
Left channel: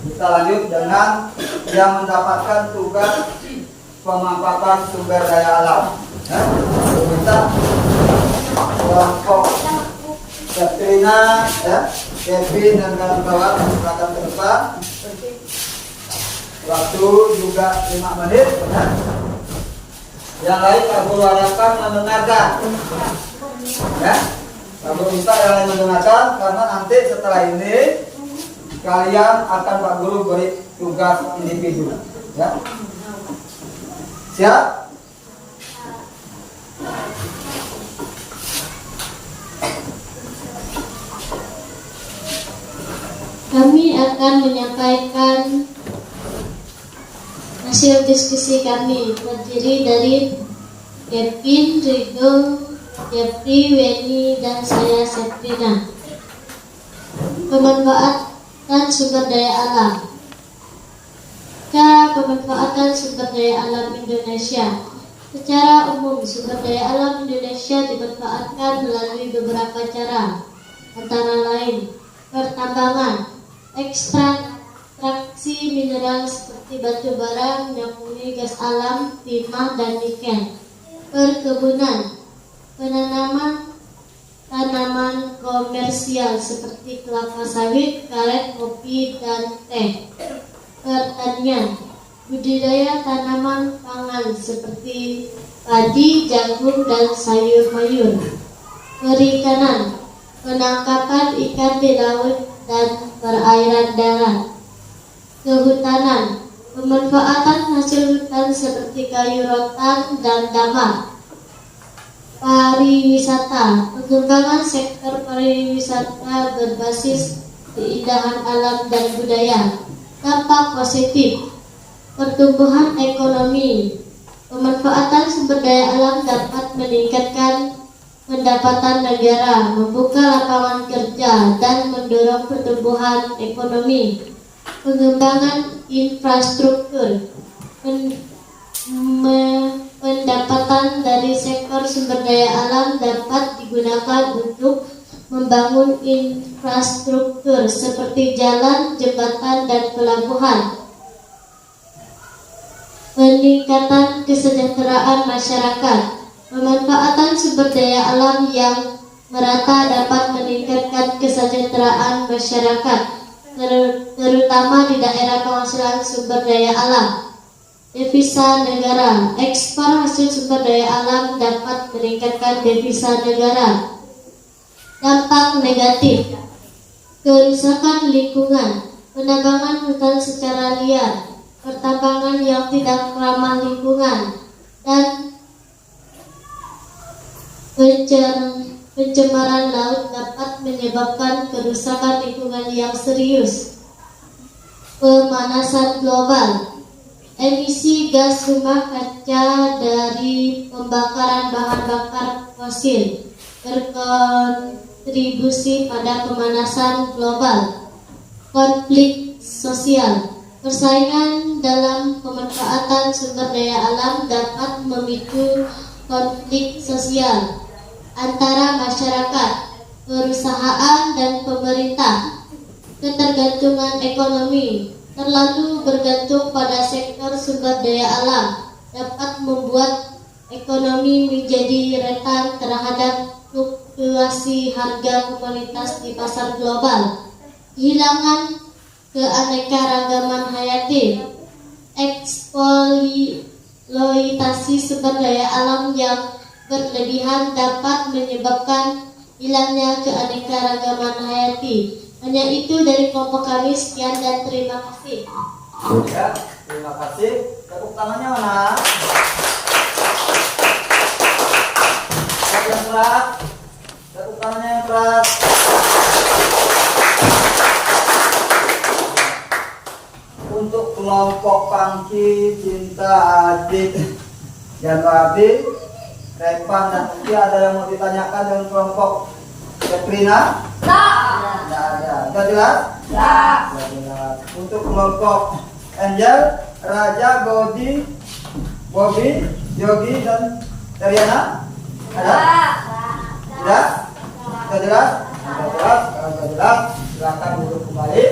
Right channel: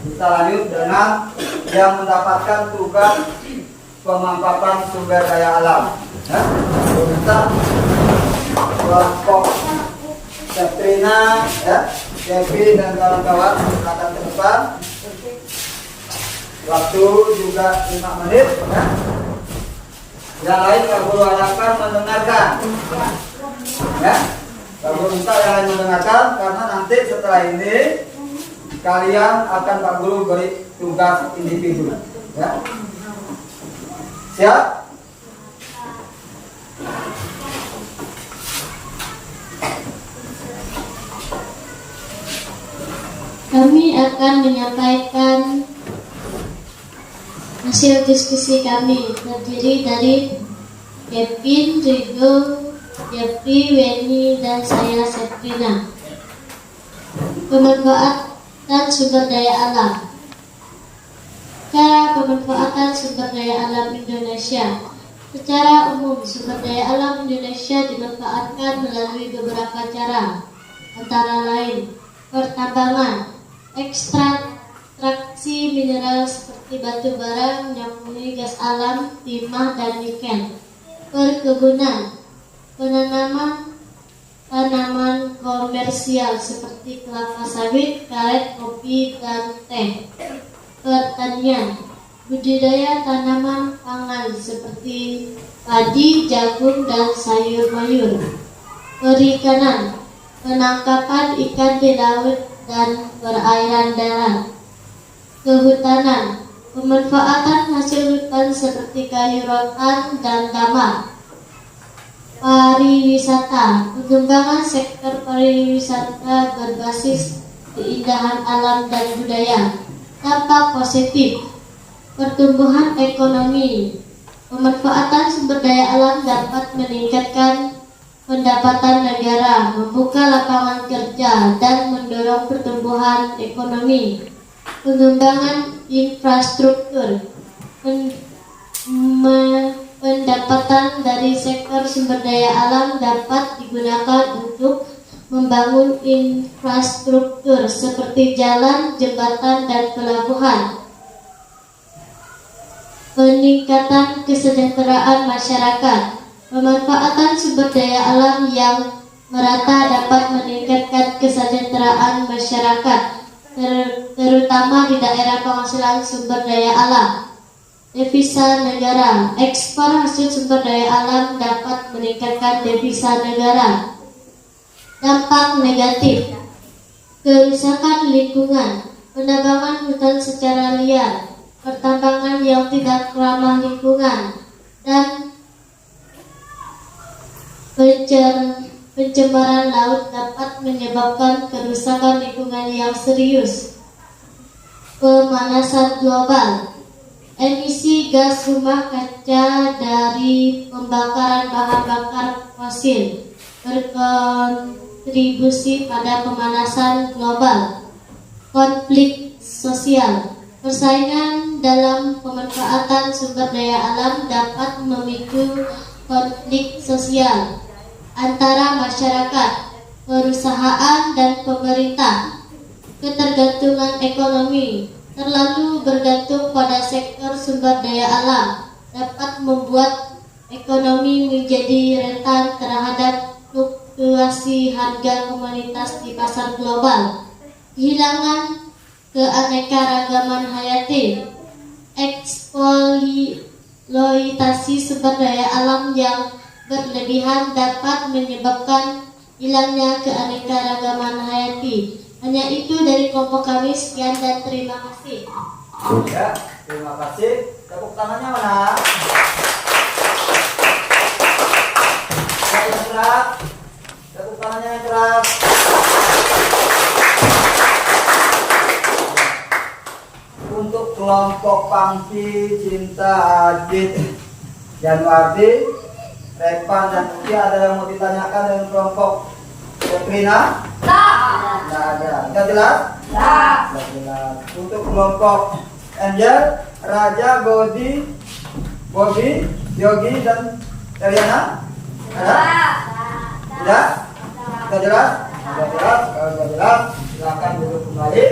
kita lanjut dengan yang mendapatkan tugas pemanfaatan sumber daya alam. Kita kelompok Katrina, Kevin dan kawan-kawan silakan ke depan. Waktu juga 5 menit. Yang lain Pak Guru harapkan mendengarkan. Pak Guru minta yang lain mendengarkan karena nanti setelah ini kalian akan Pak Guru beri tugas individu. Siap? Kami akan menyampaikan hasil diskusi kami, terdiri dari Kevin, Rigo, Jeffrey, Weni, dan saya Setrina. Pemanfaatan sumber daya alam. Cara pemanfaatan sumber daya alam Indonesia. Secara umum, sumber daya alam Indonesia dimanfaatkan melalui beberapa cara, antara lain pertambangan, ekstraksi mineral seperti batu bara, minyak bumi, gas alam, timah, dan nikel. Perkebunan, penanaman tanaman komersial seperti kelapa sawit, karet, kopi, dan teh. Pertanian, budidaya tanaman pangan seperti padi, jagung, dan sayur-mayur. Perikanan, penangkapan ikan di laut dan perairan darat. Kehutanan, pemanfaatan hasil hutan seperti kayu rotan dan damar. Pariwisata, pengembangan sektor pariwisata berbasis keindahan alam dan budaya. Dampak positif, pertumbuhan ekonomi. Pemanfaatan sumber daya alam dapat meningkatkan pendapatan negara, membuka lapangan kerja, dan mendorong pertumbuhan ekonomi. Pengembangan infrastruktur. Pendapatan dari sektor sumber daya alam dapat digunakan untuk membangun infrastruktur seperti jalan, jembatan, dan pelabuhan. peningkatan kesejahteraan masyarakat. Pemanfaatan sumber daya alam yang merata dapat meningkatkan kesejahteraan masyarakat, terutama di daerah penghasilan sumber daya alam. Devisa negara. Ekspor hasil sumber daya alam dapat meningkatkan devisa negara. Dampak negatif: kerusakan lingkungan, penambangan hutan secara liar, pertambangan yang tidak ramah lingkungan, dan pencemaran laut dapat menyebabkan kerusakan lingkungan yang serius. Pemanasan global. Emisi gas rumah kaca dari pembakaran bahan bakar fosil berkontribusi pada pemanasan global. Konflik sosial. Persaingan dalam pemanfaatan sumber daya alam dapat memicu konflik sosial antara masyarakat, perusahaan, dan pemerintah. Ketergantungan ekonomi. Terlalu bergantung pada sektor sumber daya alam dapat membuat ekonomi menjadi rentan terhadap fluktuasi harga komoditas di pasar global. Kehilangan keanekaragaman hayati. Eksploitasi sumber daya alam yang berlebihan dapat menyebabkan hilangnya keanekaragaman hayati. Hanya itu dari kelompok kami. Sekian dan terima kasih. Ya, terima kasih. Tepuk tangannya mana? Yang keras. Tepuk tangannya yang keras. Untuk kelompok Pangki, Cinta, Adit, Januardi, Repan, dan Uki, ada yang mau ditanyakan dengan kelompok Seprina? Tidak ada. Sudah jelas? Sudah jelas. Untuk kelompok Angel, Raja, Godi, Bobby, Yogi, dan Teriana? Ada? Tidak? Sudah jelas? Sudah jelas. Kalau sudah jelas, silakan duduk kembali.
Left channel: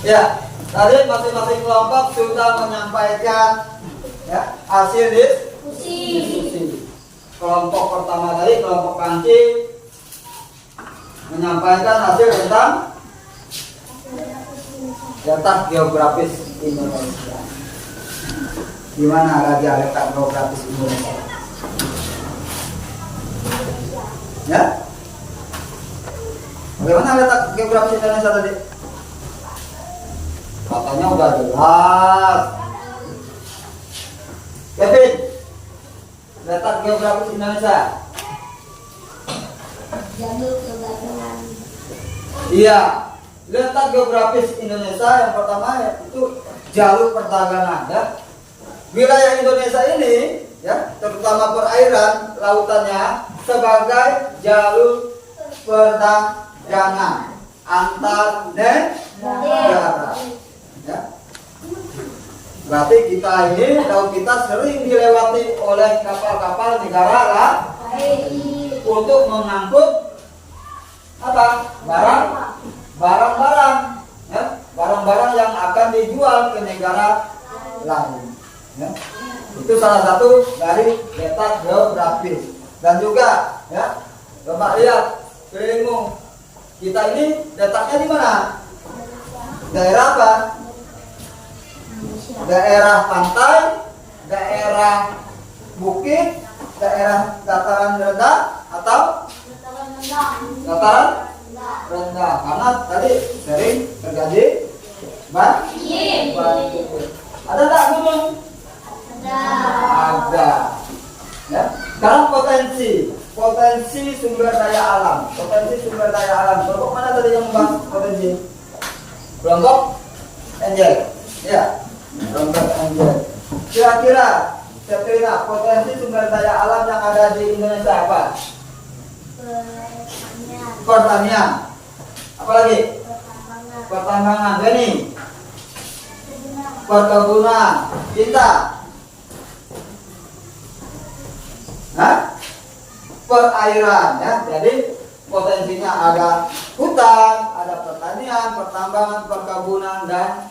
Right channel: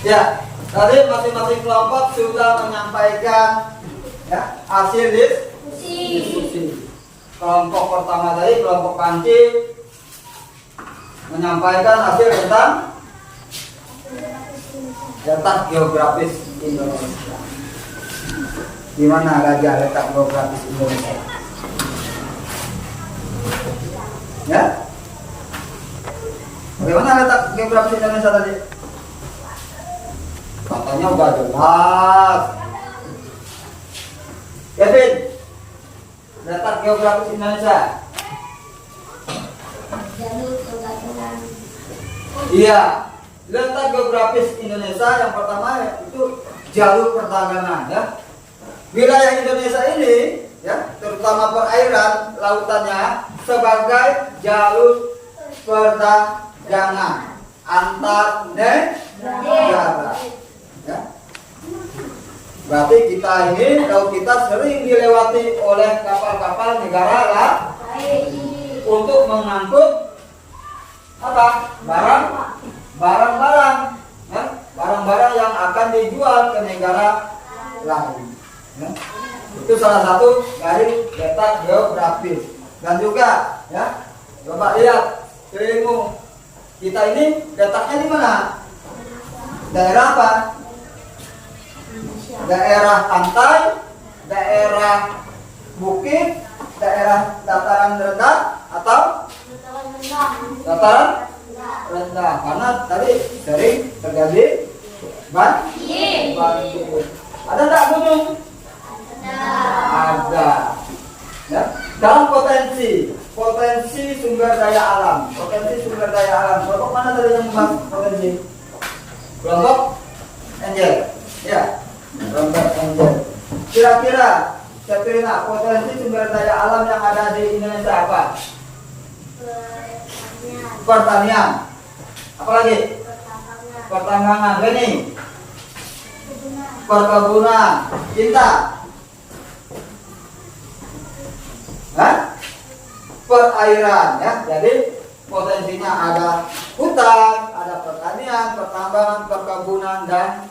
Ya, tadi masing-masing kelompok sudah menyampaikan ya, hasil diskusi. Kelompok pertama tadi, kelompok Panci, menyampaikan hasil tentang letak geografis Indonesia. Di mana Gajah letak geografis Indonesia? Ya? Bagaimana letak geografis Indonesia tadi? Katanya udah jelas. Kevin, letak geografis Indonesia. Jalur perdagangan. Iya, letak geografis Indonesia yang pertama itu jalur perdagangan ya. Wilayah Indonesia ini ya, terutama perairan lautannya sebagai jalur perdagangan antar negara. Ya. Berarti kita ini, laut kita sering dilewati oleh kapal-kapal negara lain untuk mengangkut apa? Barang-barang, ya? Barang-barang yang akan dijual ke negara lain. Ya. Itu salah satu dari letak geografis. Dan juga, ya, coba lihat sekelilingmu. Kita ini letaknya di mana? Daerah apa? Daerah pantai, daerah bukit, daerah dataran rendah, atau dataran rendah. Karena tadi sering terjadi banjir. Ada tak gunung? Ada. Ya. Dan potensi sumber daya alam. Kelompok mana tadi yang membahas potensi? Kelompok Angel. Ya. Kelompok Angel. Kira-kira potensi sumber daya alam yang ada di Indonesia apa? Pertanian. Apa lagi? Pertambangan. Gini. Perkebunan. Cinta. Perairan ya. Jadi Potensinya ada hutan, ada pertanian, pertambangan, perkebunan, dan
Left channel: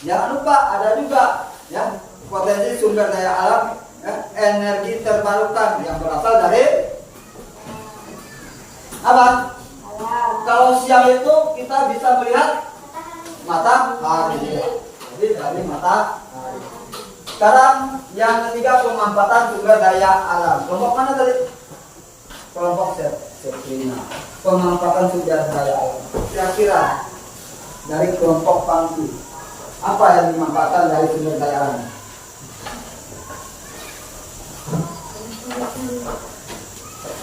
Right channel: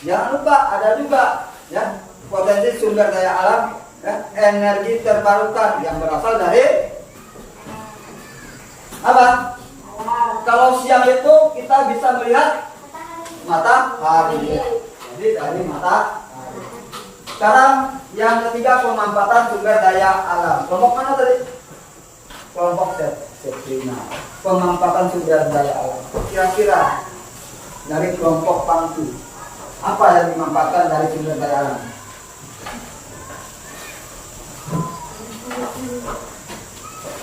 jangan lupa ada juga ya potensi sumber daya alam ya, energi terbarukan yang berasal dari apa? Kalau siang itu kita bisa melihat matahari. Jadi dari matahari. Sekarang yang ketiga pemanfaatan sumber daya alam. Kelompok mana tadi? Kelompok Setrina. Pemanfaatan sumber daya alam. Kira-kira dari kelompok Pangku apa yang dimanfaatkan dari sumber daya alam?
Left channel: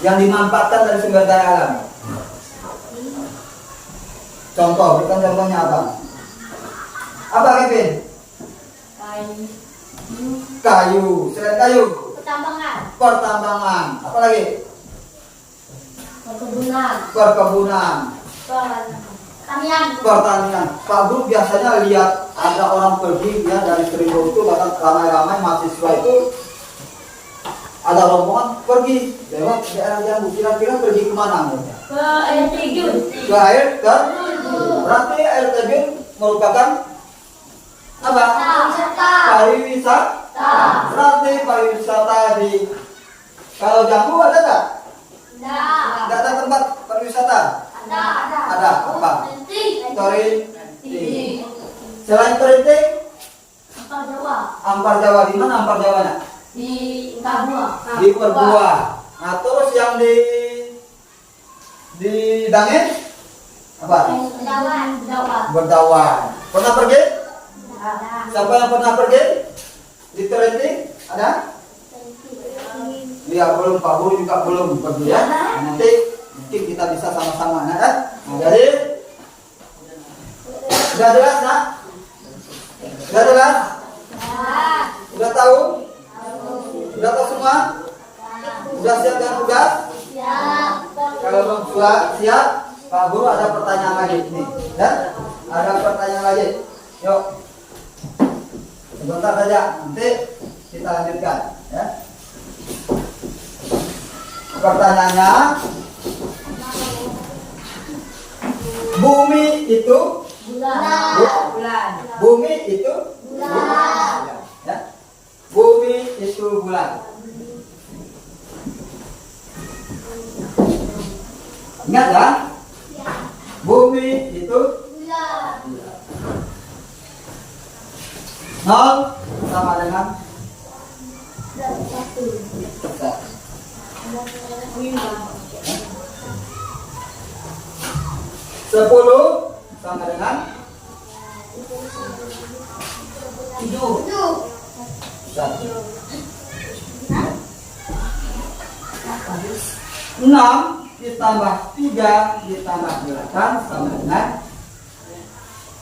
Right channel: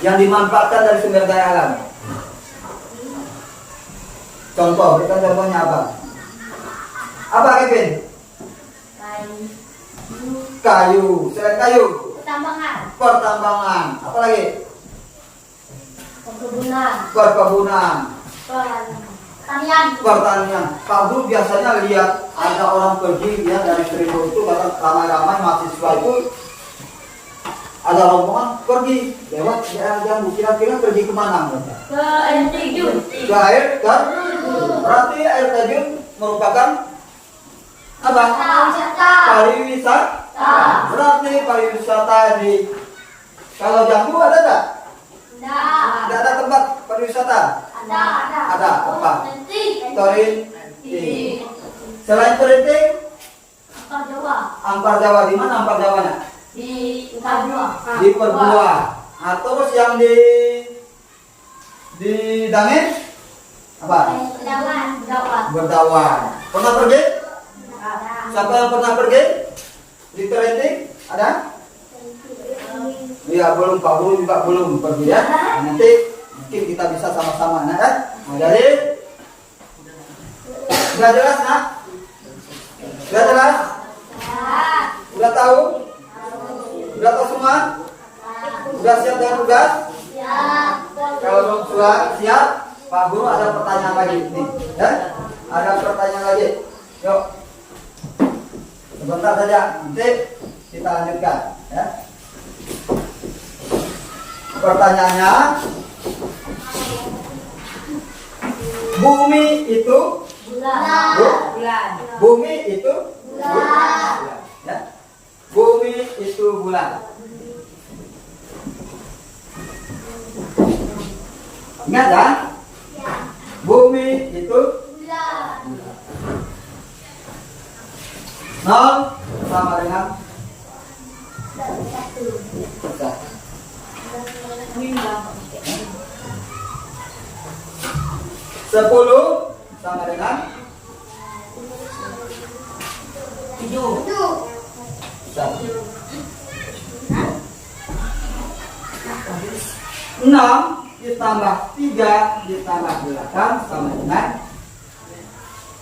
Yang dimanfaatkan dari sumber daya alam. Contoh, kita contohnya apa? Apa Kevin? Kayu. Selain kayu? Pertambangan. Apa lagi? Perkebunan. Pertanian. Pak Guru biasanya lihat ada orang pergi ya dari Seribu itu bahkan ramai-ramai mahasiswa itu ada rombongan pergi lewat daerah Jambu. Kira-kira pergi kemana mereka? Ke air terjun. Ke air terjun. Berarti air terjun merupakan apa? Pariwisata. Berarti pariwisata di kalau Jambu ada nggak? Tidak ada tempat pariwisata. Ada tempat. Terinting. Selain Terinting, Ampar Jawa. Di mana Ampar Jawanya? Di Perbuah. Nah terus yang di Dangin apa? Berdawan. Pernah pergi? Siapa yang pernah pergi? Di Terinting ada? Ya belum, Pak Guru juga belum pergi ya. Nanti kita bisa sama-sama ya. Nah, jadi sudah jelas nak? Sudah jelas? Sudah tahu? Sudah tahu semua? Sudah siap dengan tugas? Kalau belum siap, Pak Guru ada pertanyaan lagi nih, ya? Ada pertanyaan lagi. Yuk. Sebentar saja, nanti kita lanjutkan, ya. Pertanyaannya, bumi itu bulan. Bumi itu bulan. Ya. Bumi itu bulan. Ingat kan? Bumi itu bulan. Nol sama dengan 1. 10 sama dengan 7. 6 ditambah 3 ditambah 8 sama dengan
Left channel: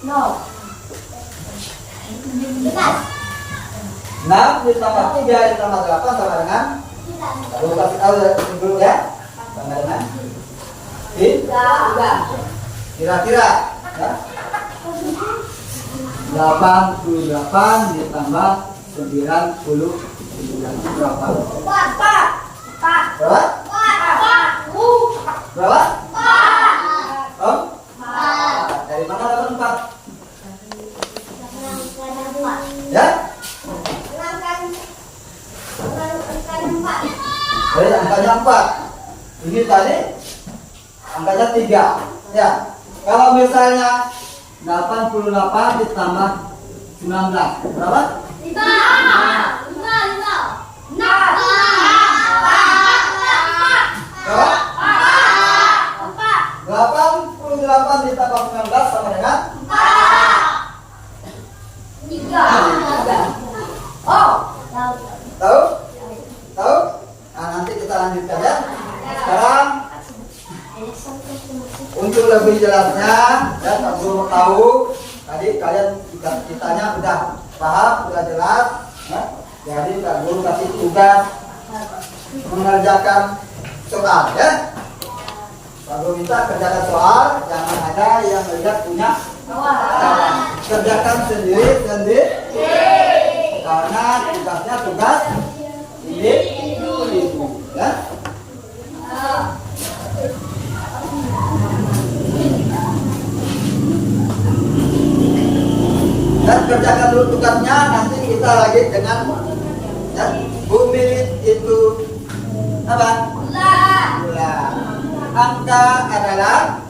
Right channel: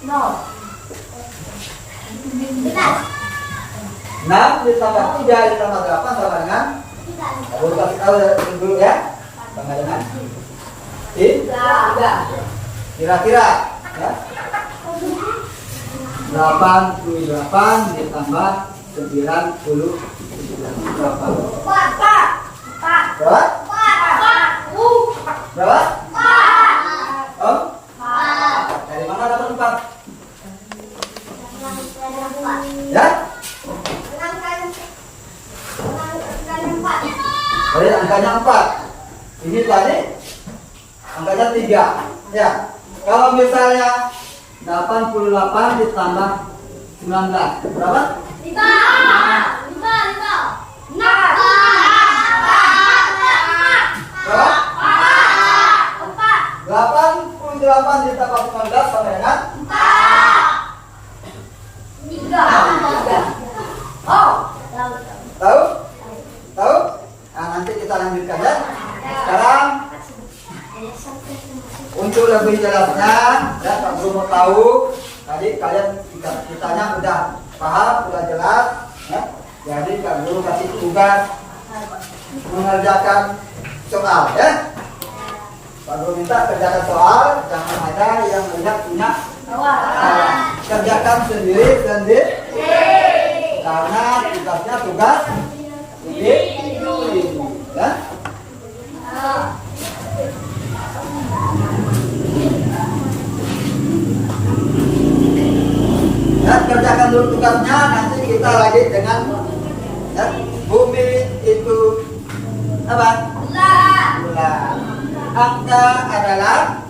0. 6 ditambah 3 ditambah 8 sama dengan Baru kasih tahu dulu ya. Sama dengan 3. Kira-kira ya. 88 ditambah 90 berapa? Berapa? Berapa? Oh? Dari mana dapat 4? Ya? Tadi angkanya 4. Ini tadi angkanya 3. Ya. Kalau misalnya 88 ditambah 19 berapa? 5. Berapa? 88 ditambah 19 sama dengan 3. Oh. Tahu? Tahu? Nah, nanti kita lanjutkan ya. Sekarang untuk lebih jelasnya, ya Pak Guru mau tahu. Tadi kalian kitanya udah paham, udah jelas. Ya. Jadi Pak Guru kasih tugas mengerjakan soal, ya. Pak Guru minta kerjakan soal, jangan ada yang melihat punya kerjakan sendiri. Karena tugasnya tugas individu, ya. dukatnya nanti kita lagi dengan ya, bumi itu apa? Bulan. Angka adalah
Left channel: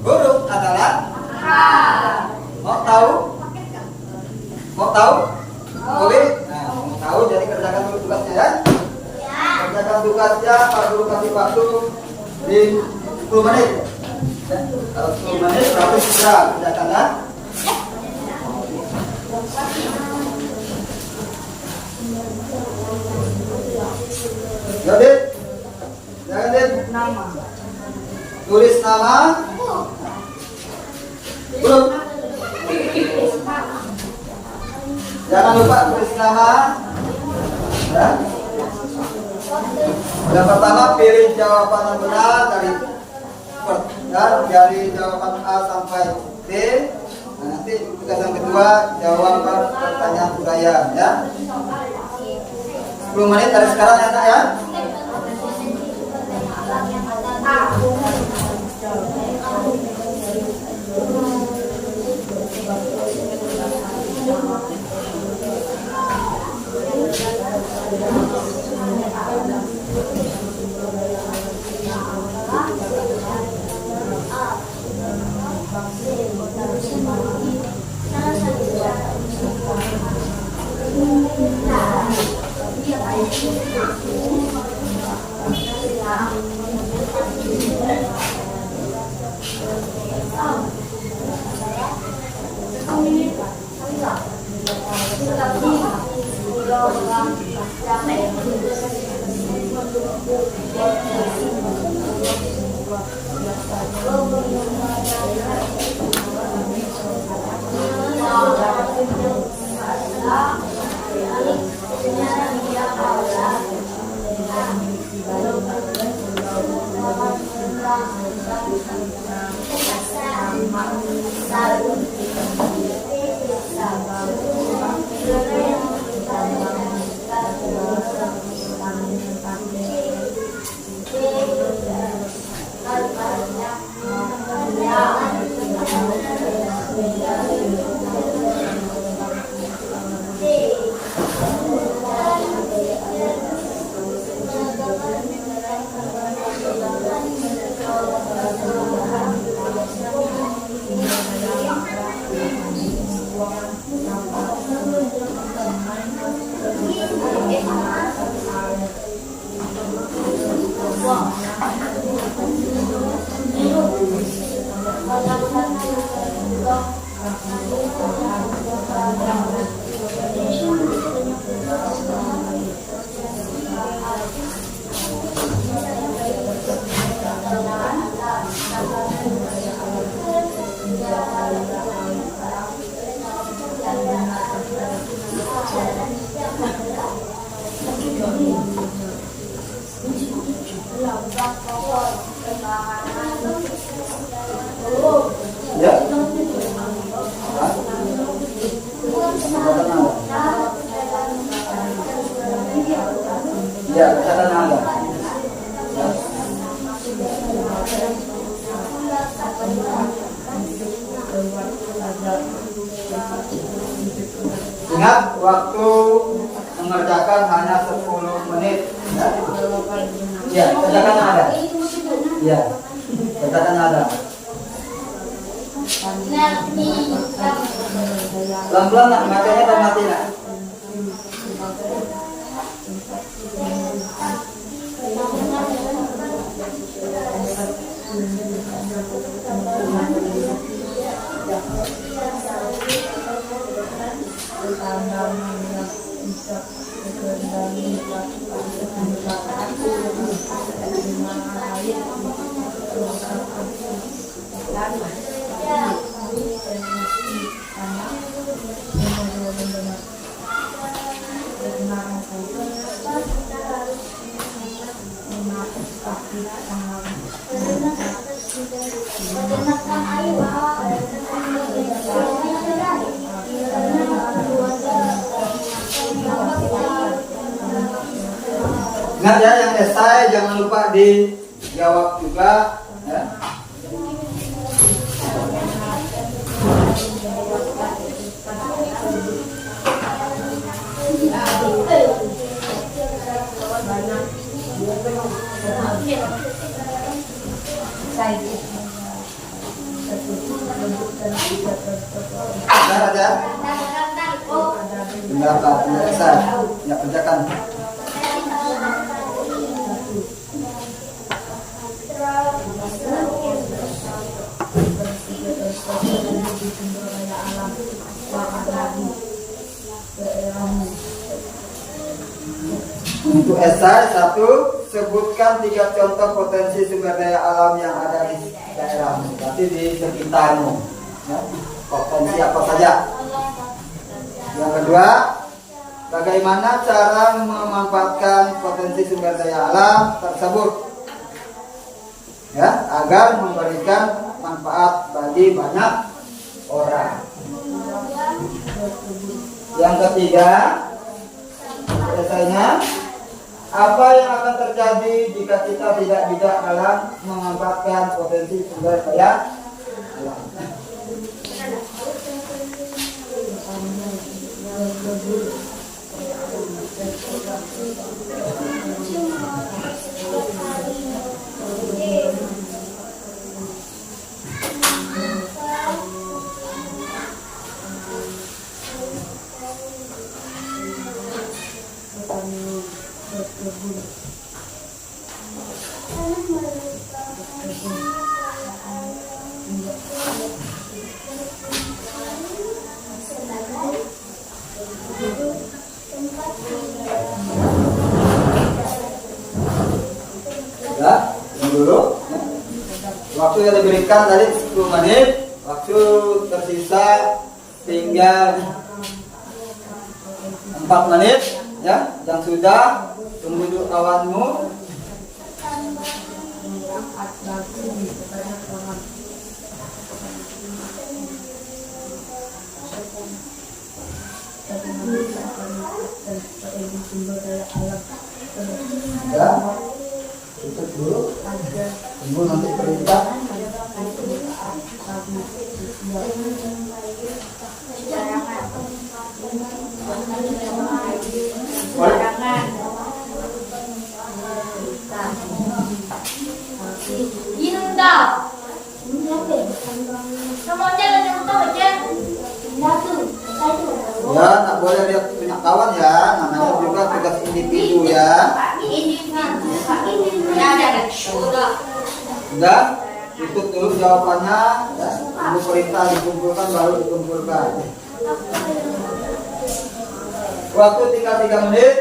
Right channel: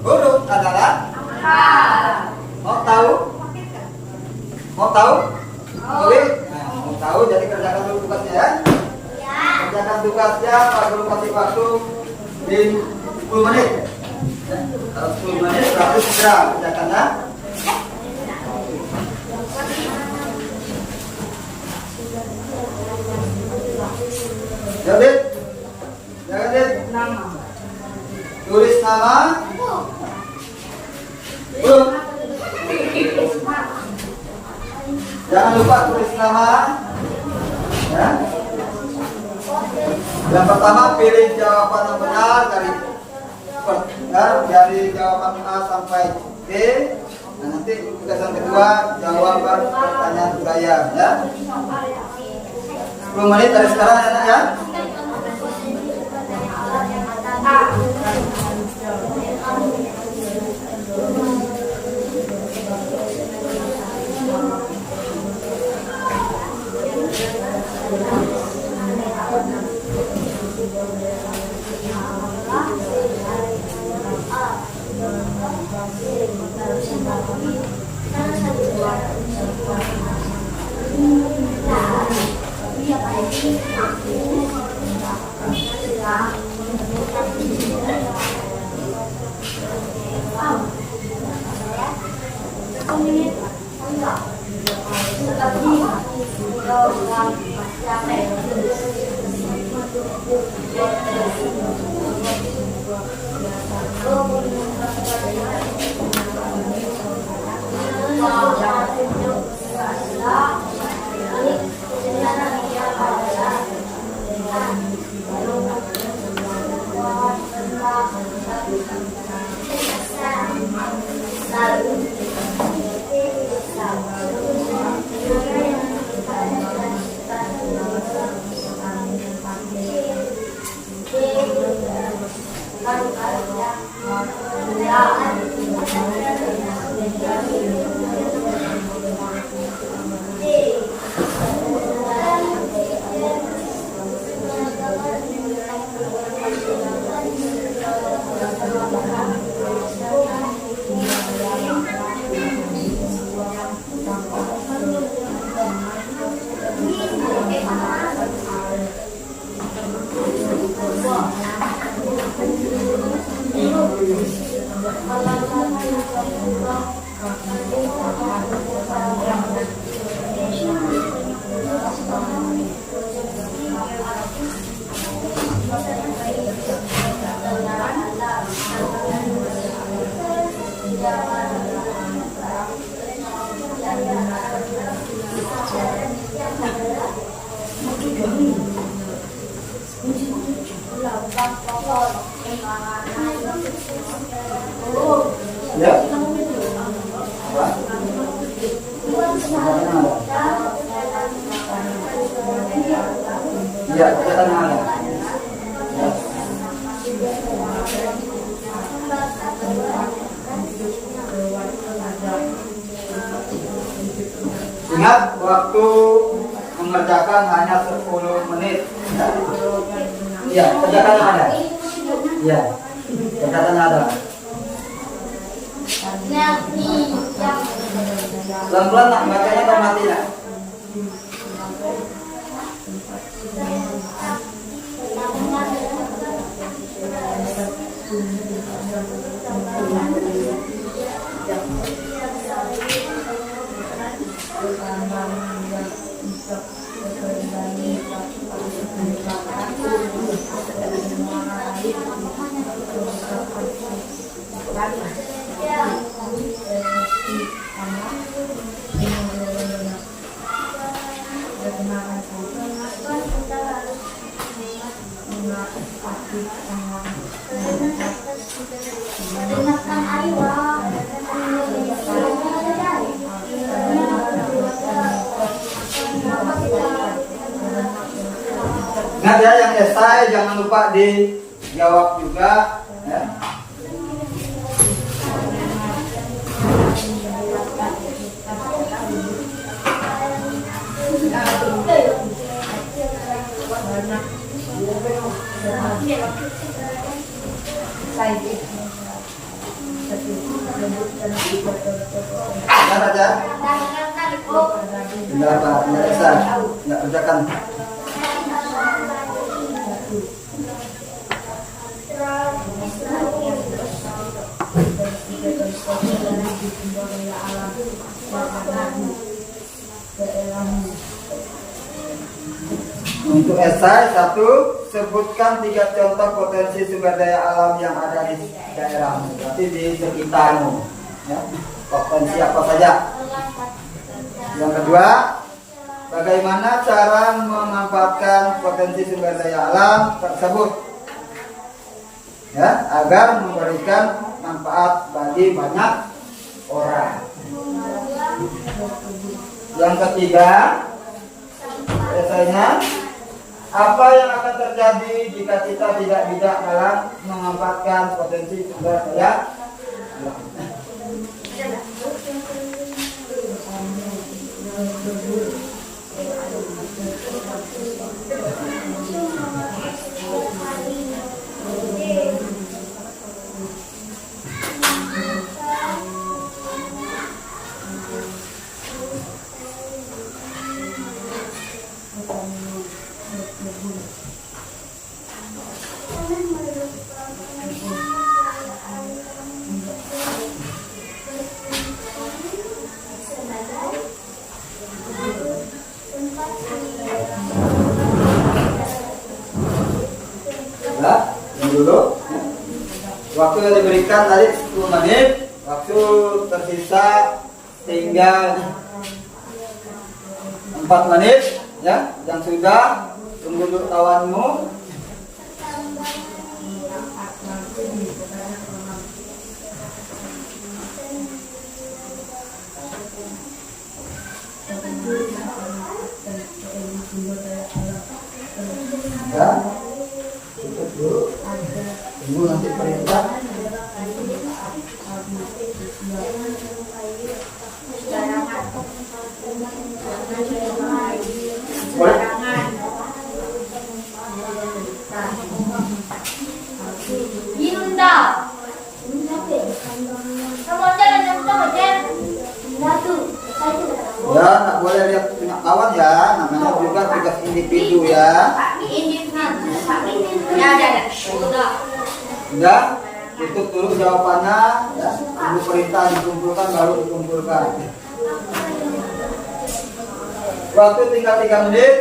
huruf adalah mau tahu? Oke? Nah, mau tahu jadi kerjakan dulu tugasnya ya. Kerjakan tugasnya, Pak Guru kasih waktu di 10 menit. Kalau 10 menit berarti segera kerjakan ya. Jadi, jangan nama. Tulis nama. Belum. Jangan lupa tulis nama. Ya. Yang pertama pilih jawaban yang benar dari jawaban A sampai D. Nah, nanti tugas yang kedua jawaban pertanyaan uraian ya. 10 menit dari sekarang ya anak ya. Ya, catatan ada. Ingat waktu mengerjakan hanya 10 menit. Ya, catatan ada. Ya, catatan ada. Pelan-pelan nak bacanya dan matinya. Ingat ya, yang esai jangan lupa dijawab juga ya. Nah, Raja. Tinggal Pak, ya Esa, ya kerjakan. Untuk esai 1, sebutkan 3 contoh potensi sumber daya alam yang ada di daerahmu, berarti di sekitarmu. Ya, potensi apa saja? Yang kedua, bagaimana cara memanfaatkan potensi sumber daya alam tersebut, ya, agar memberikan manfaat bagi banyak orang. Yang ketiga, esainya, apa yang akan terjadi jika kita tidak bijak dalam memanfaatkan potensi sumber daya alam? Ya, dulu. Ya. Waktu yang diberikan tadi 10 menit, waktu tersisa tinggal 4 menit, ya. Yang sudah, tunggu dulu kawanmu. Ya, tutup dulu. Tunggu nanti perintah. Ya, nggak boleh lihat punya kawan ya, namanya juga tugas individu ya. Enggak, tutup dulu jawabannya, ya. Tunggu perintah dikumpulkan baru dikumpulkan. Waktu tinggal 3 menit.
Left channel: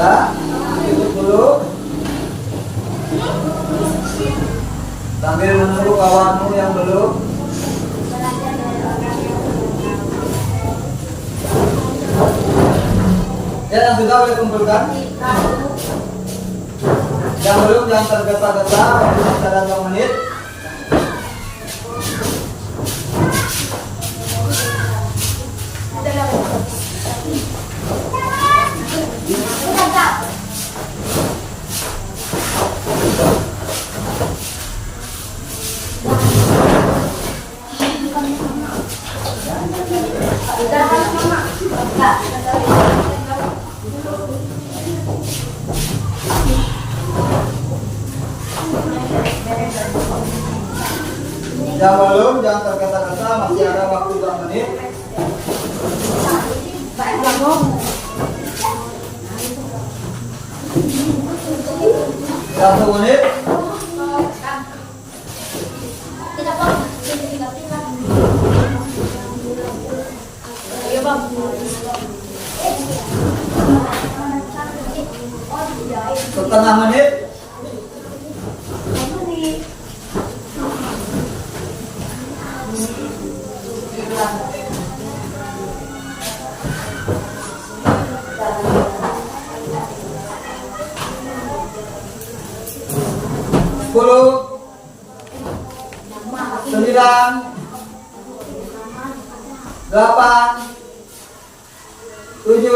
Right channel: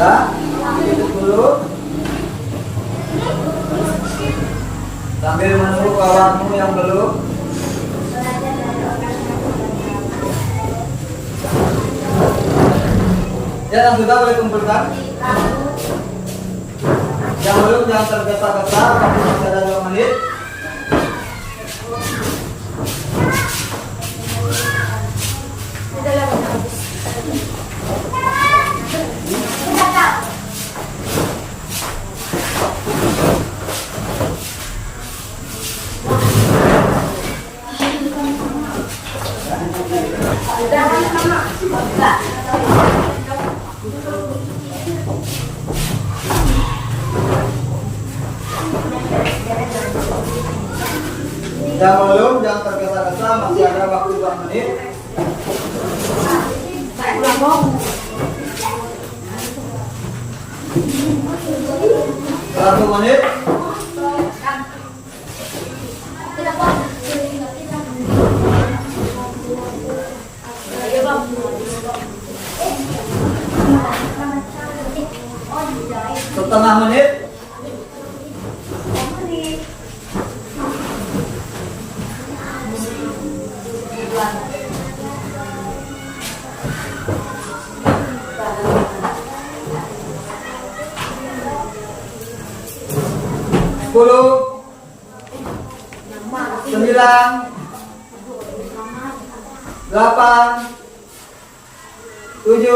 Ya, tutup dulu. Sambil menunggu kawanmu yang belum. Ya, yang sudah boleh kumpulkan. Yang belum jangan tergesa-gesa, waktu masih ada 2 menit. Yang belum jangan tergesa-gesa, masih ada waktu 2 menit. 1 menit. Setengah menit. 10, 9, 8, 7,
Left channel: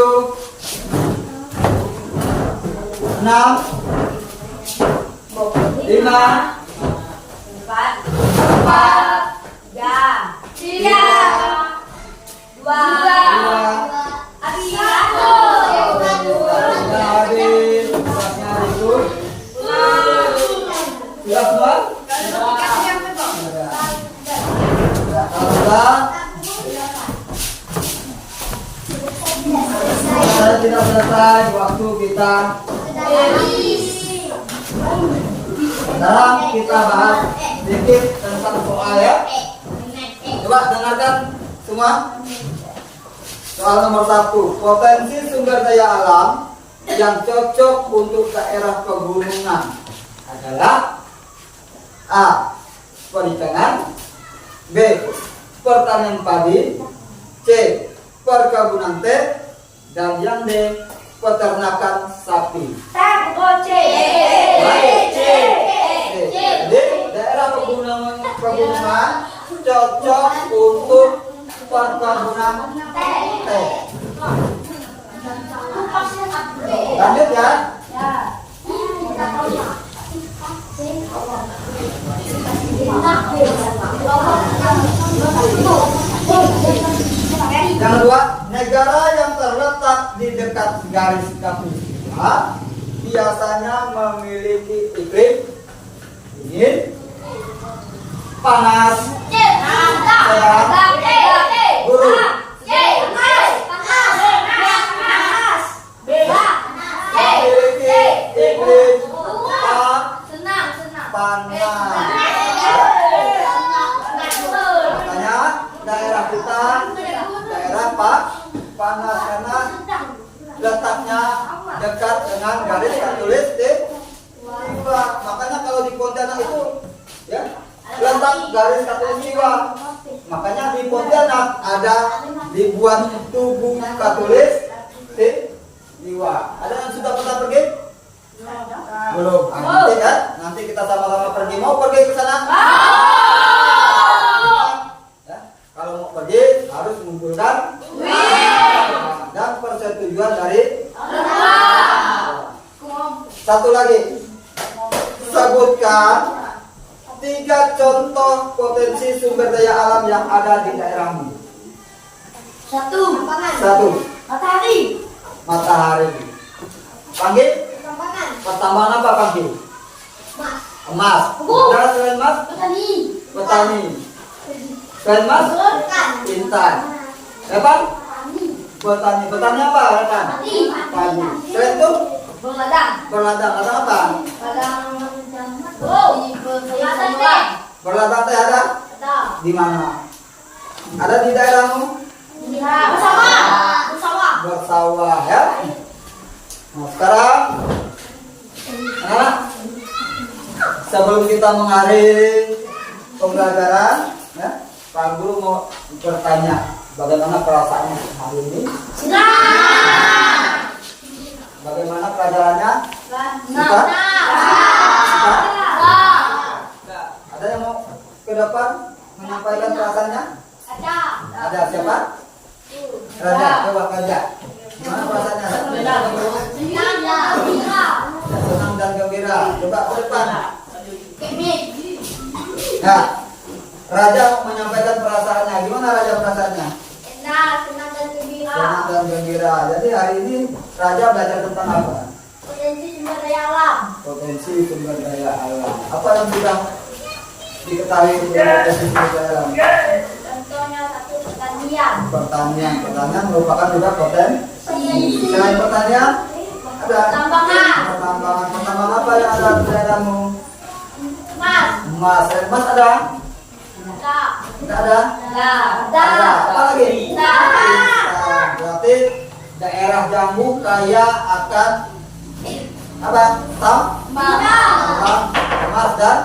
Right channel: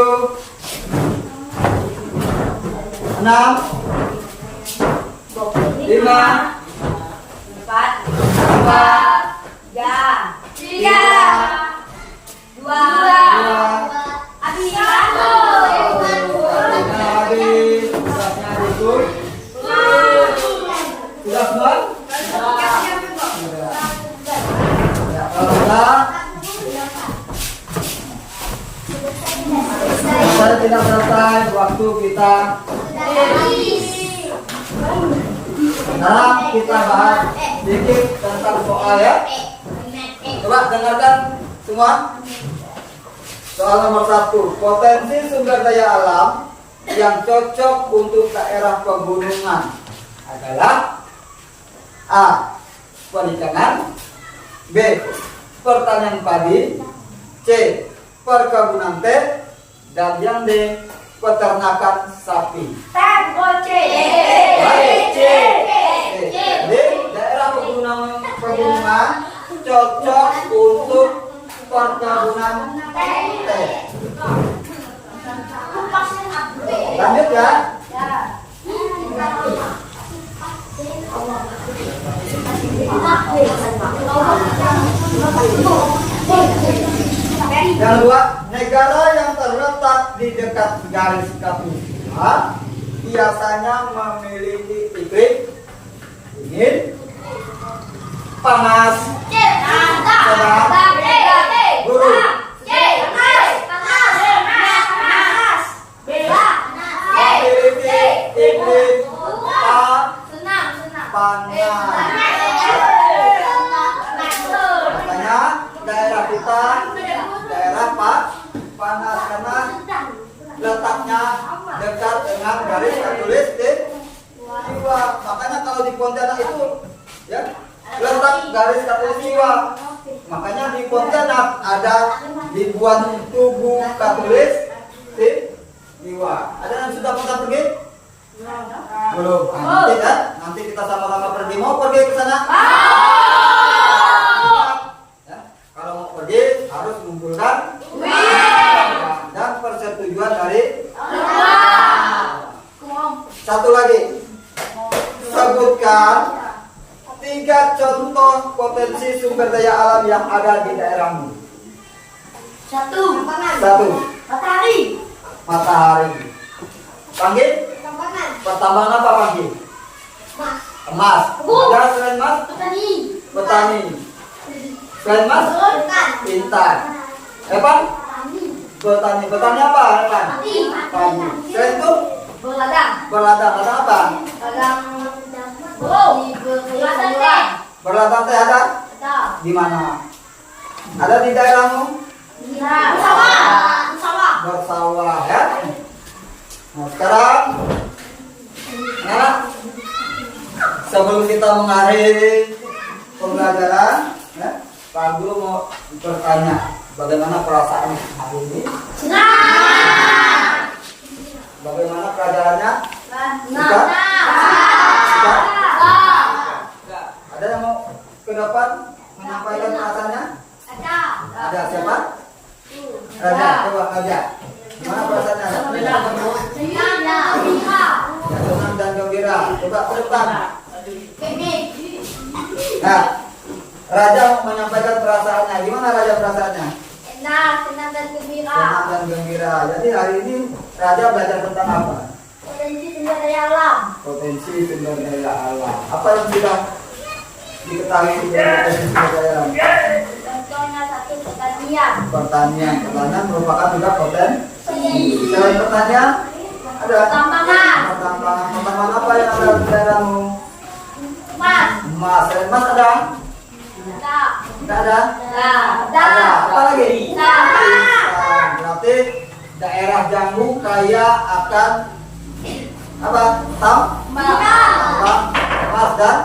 6, 5, habis tugasnya ikut tugas semua kalau enggak selesai tidak selesai waktu kita sekarang kita bahas sedikit tentang soal ya. Coba dengarkan semua. Soal nomor 1, potensi sumber daya alam yang cocok untuk daerah pegunungan adalah A. Perikanan, B. Pertanian padi, C. Perkebunan teh, dan yang D. Peternakan sapi. Baik, C. Jadi daerah pegunungan cocok untuk perkebunan teh. Lanjut ya. Yang kedua, negara yang terletak di dekat garis khatulistiwa biasanya memiliki iklim dingin, panas, sedang, buruk. Memiliki iklim panas. Makanya daerah kita daerah panas karena letaknya dekat dengan garis khatulistiwa. Makanya kalau di Pontianak itu ya letak garis khatulistiwa. Makanya di Pontianak ada ribuan tugu khatulistiwa. Ada yang sudah pernah pergi? Belum. Nanti kan? Nanti kita sama-sama pergi. Mau pergi ke sana? Ya, kalau mau pergi harus mengumpulkan dan persetujuan dari satu lagi. Sebutkan 3 contoh potensi sumber daya alam yang ada di daerahmu. 1. Matahari. Panggil? Pertambangan apa panggil? Emas. Dan selain emas? Petani. Selain emas? Intan. Apa? Petani. Petani apa? Padi. Selain itu? Berladang. Ladang apa? Berladang teh ada? Di mana? Ada di daerahmu? Bersawah ya. Nah sekarang ya, sebelum kita mengakhiri pembelajaran ya, Pak Guru mau bertanya bagaimana perasaan hari ini? Bagaimana pelajarannya? Suka? Ada yang mau ke depan menyampaikan perasaannya? Ada siapa? Raja, coba Raja. Gimana perasaannya? Senang dan gembira. Coba ke depan. Nah, Raja mau menyampaikan perasaannya. Gimana Raja perasaannya? Senang dan gembira. Senang dan gembira. Jadi hari ini Raja belajar tentang apa? Potensi sumber daya alam. Potensi sumber daya alam. Apa yang sudah diketahui tentang potensi sumber daya alam? Contohnya 1 pertanian. Pertanian merupakan juga potensi. Selain pertanian ada pertambangan apa yang ada di daerahmu? Emas. Selain emas ada? Tidak ada? Ada. Apa lagi? Berarti daerah Jambu kaya akan apa? Tambang emas dan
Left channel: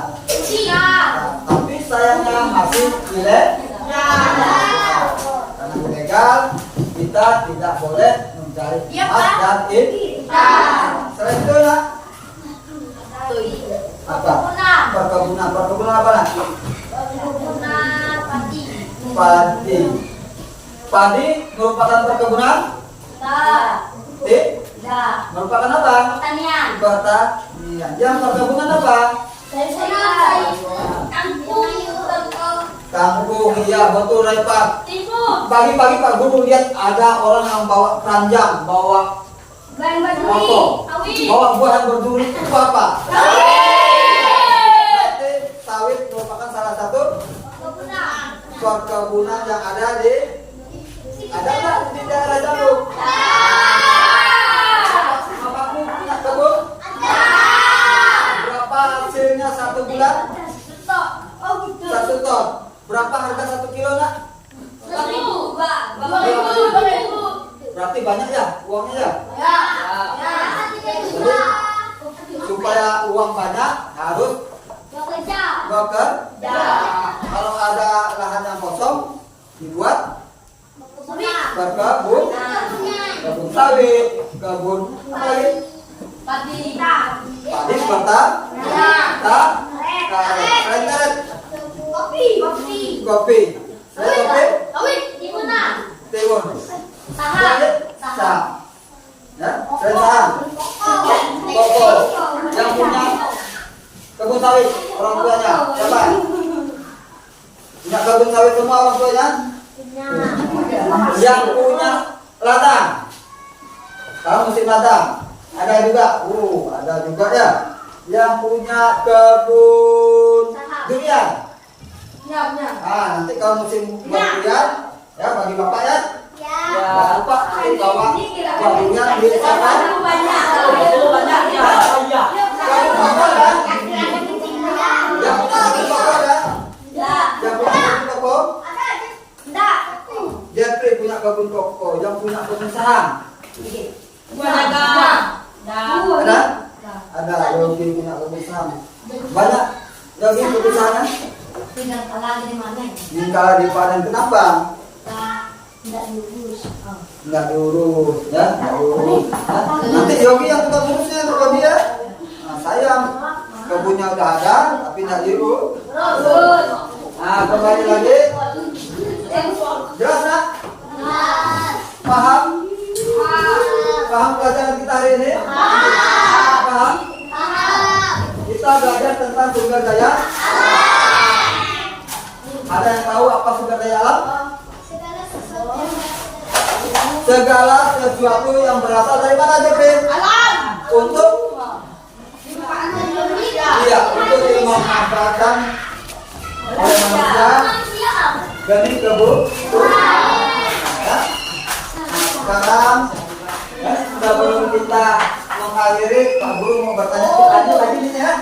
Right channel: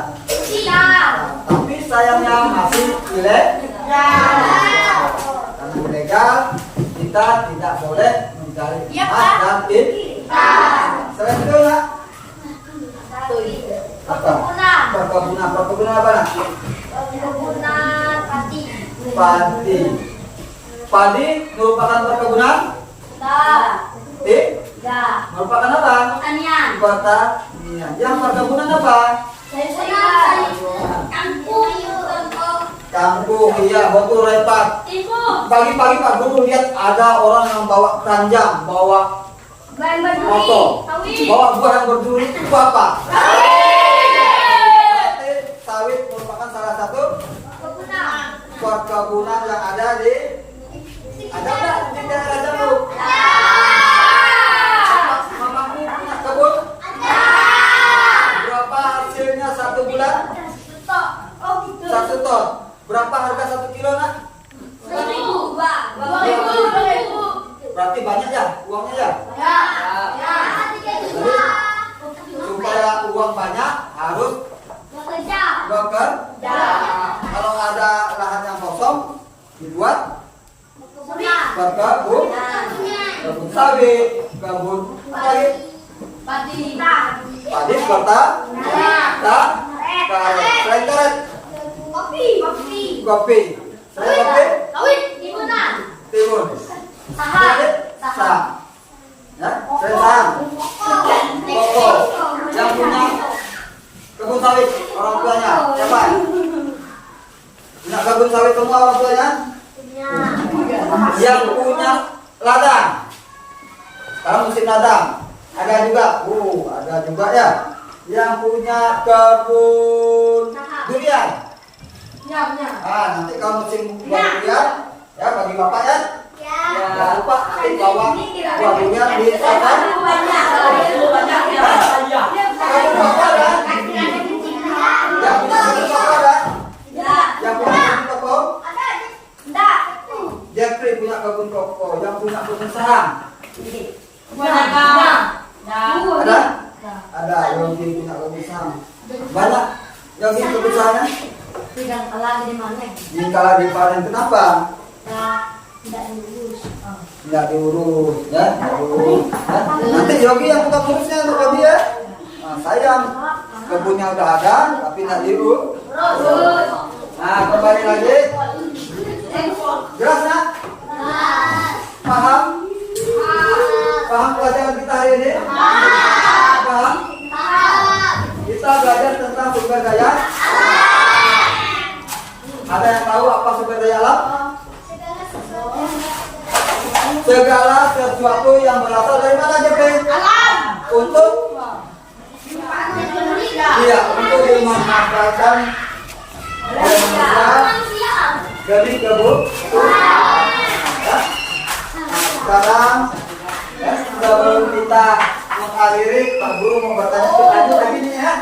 tapi sayangnya masih ilegal. Karena ilegal kita tidak boleh mencari emas dan intan. Selain itu apa? Padi merupakan perkebunan? Merupakan apa? Pertanian. Pertanian. Yang perkebunan apa? Kampung. Iya, betul Pak. Pagi-pagi Pak Guru lihat ada orang yang bawa keranjang, bawa motor, bawa buahan berduri itu apa? Berarti sawit merupakan salah satu perkebunan yang ada di nggak di daerah Jambu? Mamamu punya kebun? Berapa hasilnya 1 bulan? 1 ton. Berapa harga 1 kilo nak? Berarti banyak ya uangnya ya? Jadi, supaya uang banyak harus bekerja. Kalau ada lahan yang kosong dibuat berkebun, kebun sawit, kebun padi, karet, kopi, timun, saham, ya, koko. Yang punya kebun sawit orang tuanya siapa? Punya kebun sawit semua orang tuanya? Yang punya ladang, kalau musim ladang ada juga, ada juga ya. Yang punya kebun durian, nanti kalau musim buah durian, ya bagi bapak ya. Jangan lupa bawa buah durian di sana. Kamu bapak kan? Yang punya kebun bapak kan? Yang punya kebun koko? Jeffrey punya kebun koko, yang punya kebun saham. Ada. Yogi punya kebun saham. Banyak. Yogi kebun sahamnya? Kalau dipanen kenapa? Nggak diurus, ya? Nanti Yogi yang tukang urusnya untuk Yogi ya. Nah, sayang kebunnya udah ada, tapi nggak diurus. Nah, kembali lagi. Jelas nak? Paham? Paham pelajaran kita hari ini? Paham? Kita belajar tentang sumber daya. Ada yang tahu apa sumber daya alam? Segala sesuatu yang berasal dari mana aja, Pe? Alam. Untuk? Iya, untuk dimanfaatkan oleh manusia dari kebun. Ya. Sekarang sebelum kita mengakhiri, Pak Guru mau bertanya lanjut lagi nih ya.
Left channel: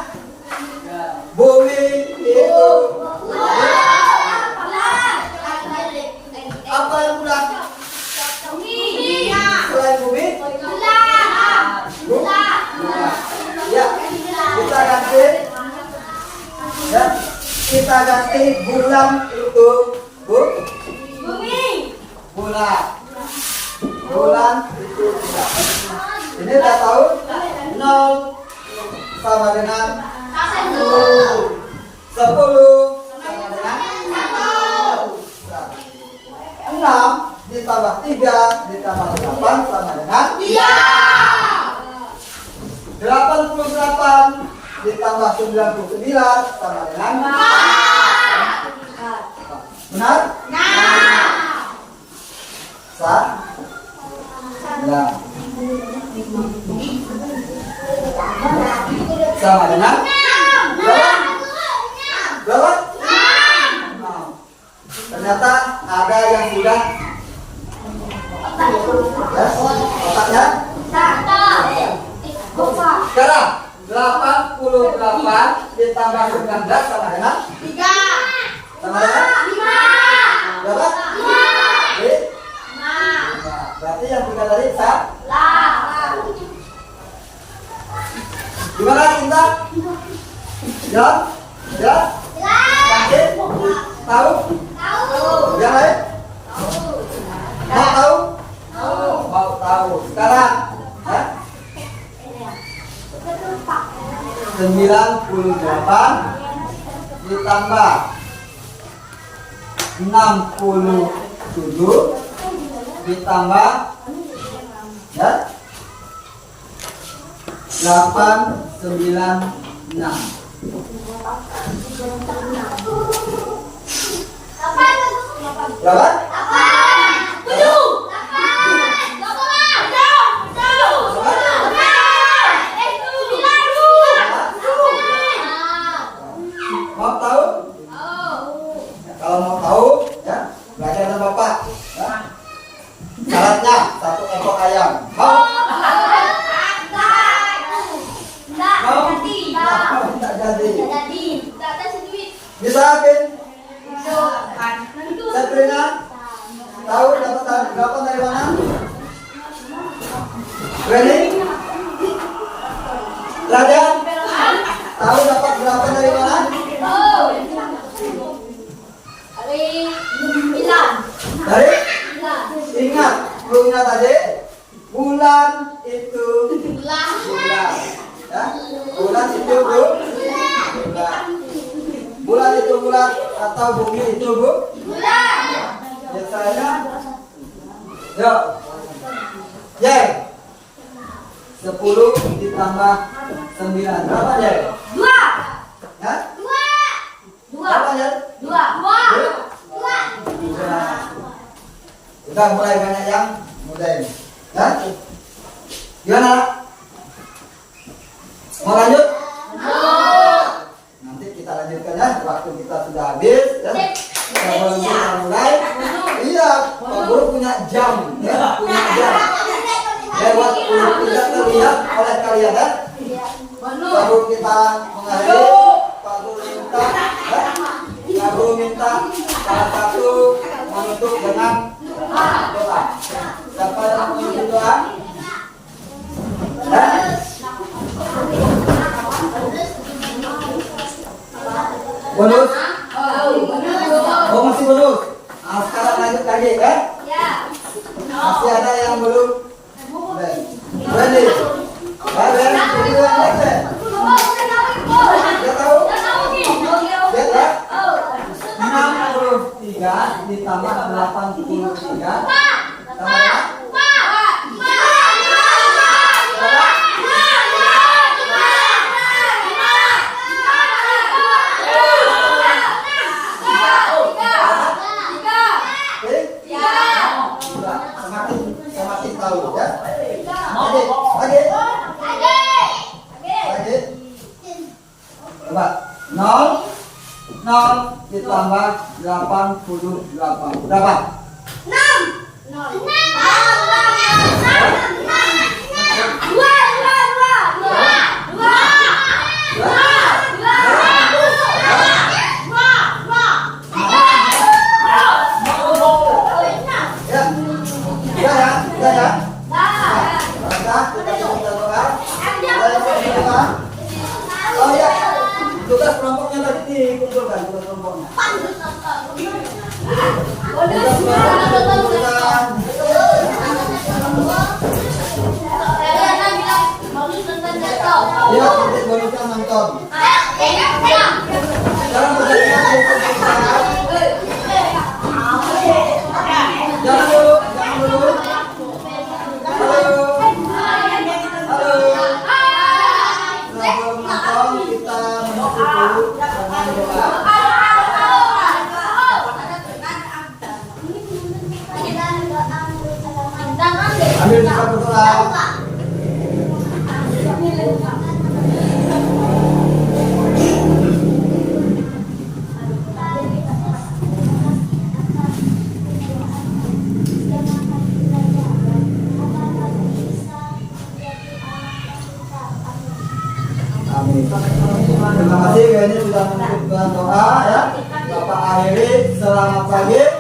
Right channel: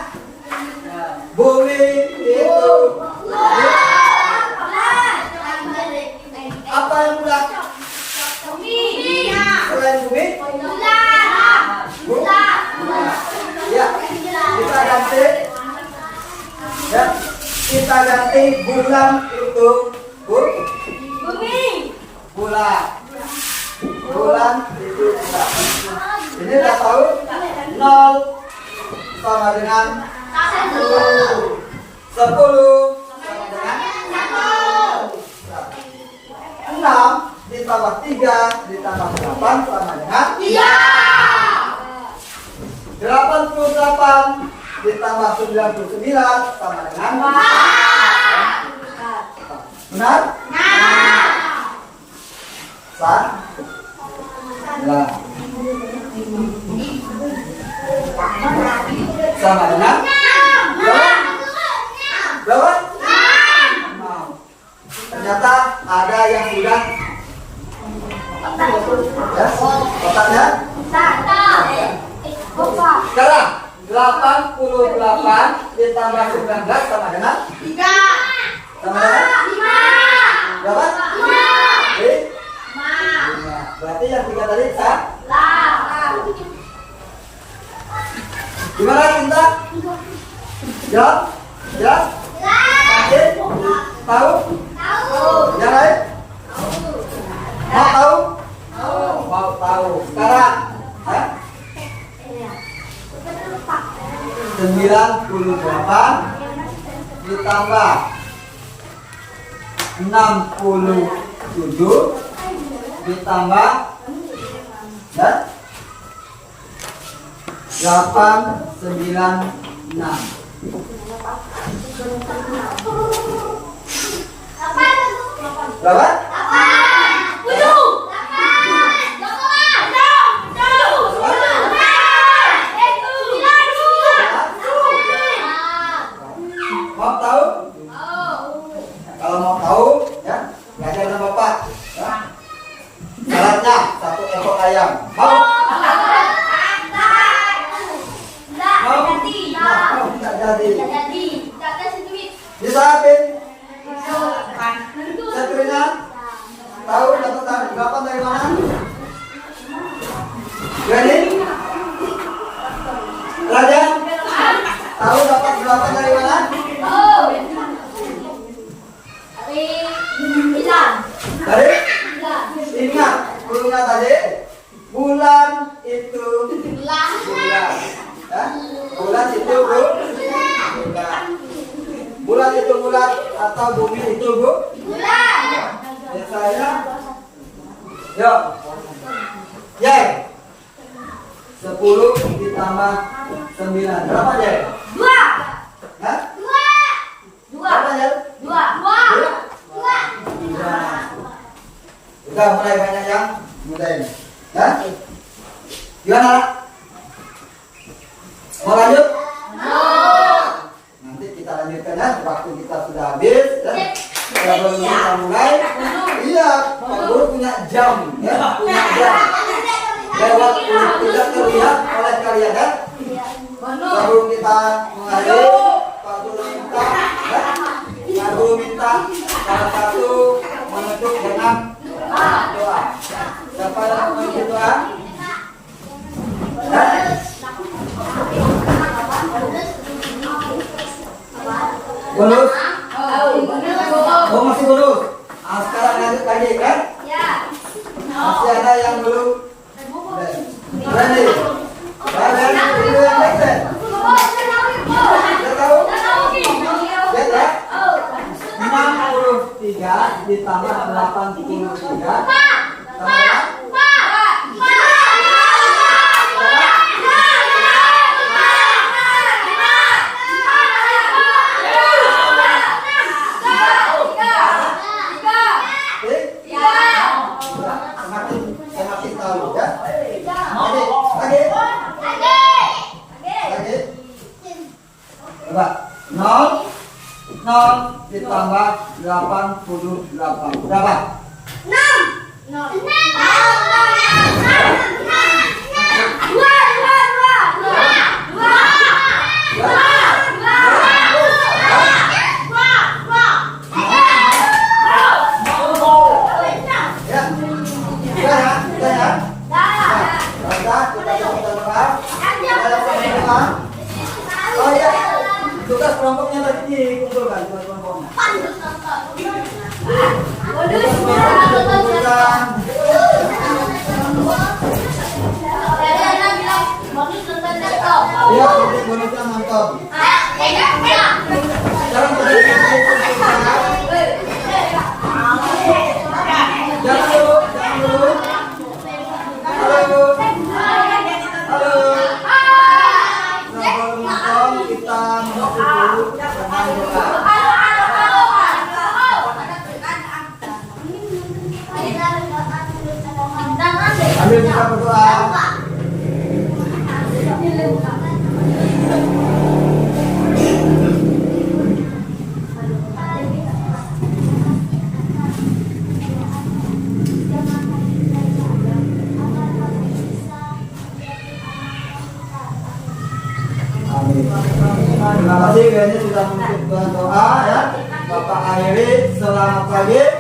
Bumi itu apa yang bulat? Selain bumi? Bulat. Ya, kita ganti. Ya, kita ganti bulan itu bumi. Bulan. Bulan itu bulat. Ini udah tahu? 0 sama dengan 10 sama dengan 6 ditambah 3 ditambah 8 sama dengan 88 ditambah 99 sama dengan 4. Benar? Sama dengan berapa? 6. Ternyata ada yang sudah ya, otaknya. Sekarang 88 ditambah 19 sama dengan 3. sama dengan 5. berapa? 5. Berarti yang 3 tadi salah. Gimana Cinta? Jawab? Jelas? Yakin? Tahu? Yang lain? Mau tahu? Mau tahu. Sekarang 98 ditambah 67 ditambah ya 896. Berapa? 7. Mau tahu? Kalau mau tahu, ya belajar sama Bapak. Ya. Syaratnya 1 ekor ayam. Mau? Mau? Tidak jadi. Bisa Pin? Sabrina? Tahu dapat berapa dari mana? Ready? Rajan? Tahu dapat berapa dari mana? Dari? Ingat, klunya tadi. Bulan itu bulan. Ya? Bulan itu bulan. Bulan itu bulan atau bumi itu bulan. Biasanya. Yuk. Jay. 10 ditambah 9. Berapa Jay? 2. Ya? Berapa Jay? 2. Udah mulai banyak yang mudah ini. Ya? Gimana Nak? Mau lanjut? Nanti kita lanjutkan ya. Waktu kita sudah habis ya. Kalau kita mulai, iya, Pak Guru punya jam ya, punya jam. Lewat tidak terlihat oleh kalian ya. Sebelum kita mengakhiri, Pak Guru minta ya. Pak Guru minta salah satu menutup dengan doa. Siapa yang menutup doa? Ya? Bonus? Oh masih bonus? Nah, sekarang lanjut lagi ya? Masih ada yang belum? Ready? Kalian dulu yang next ya? Dia tahu? Dia tahu? 63 ditambah 83 sama ya? Semakin tahu ya. Lagi. Coba 0 ditambah 88 berapa? 6. Oh ya, tugas kelompoknya tadi dikumpulkan, tugas kelompoknya. Tugas kelompoknya dikumpulkan. Iya, nanti bonusnya nonton. Sekarang tugasnya dikumpulkan. Jangan dulu. Halo. Sebelum nonton kita menutup dulu dengan doa. Ambil kita berdoa. Terima kasih ini sudah menutup doa ya. Bapak akhiri, selamat pagi.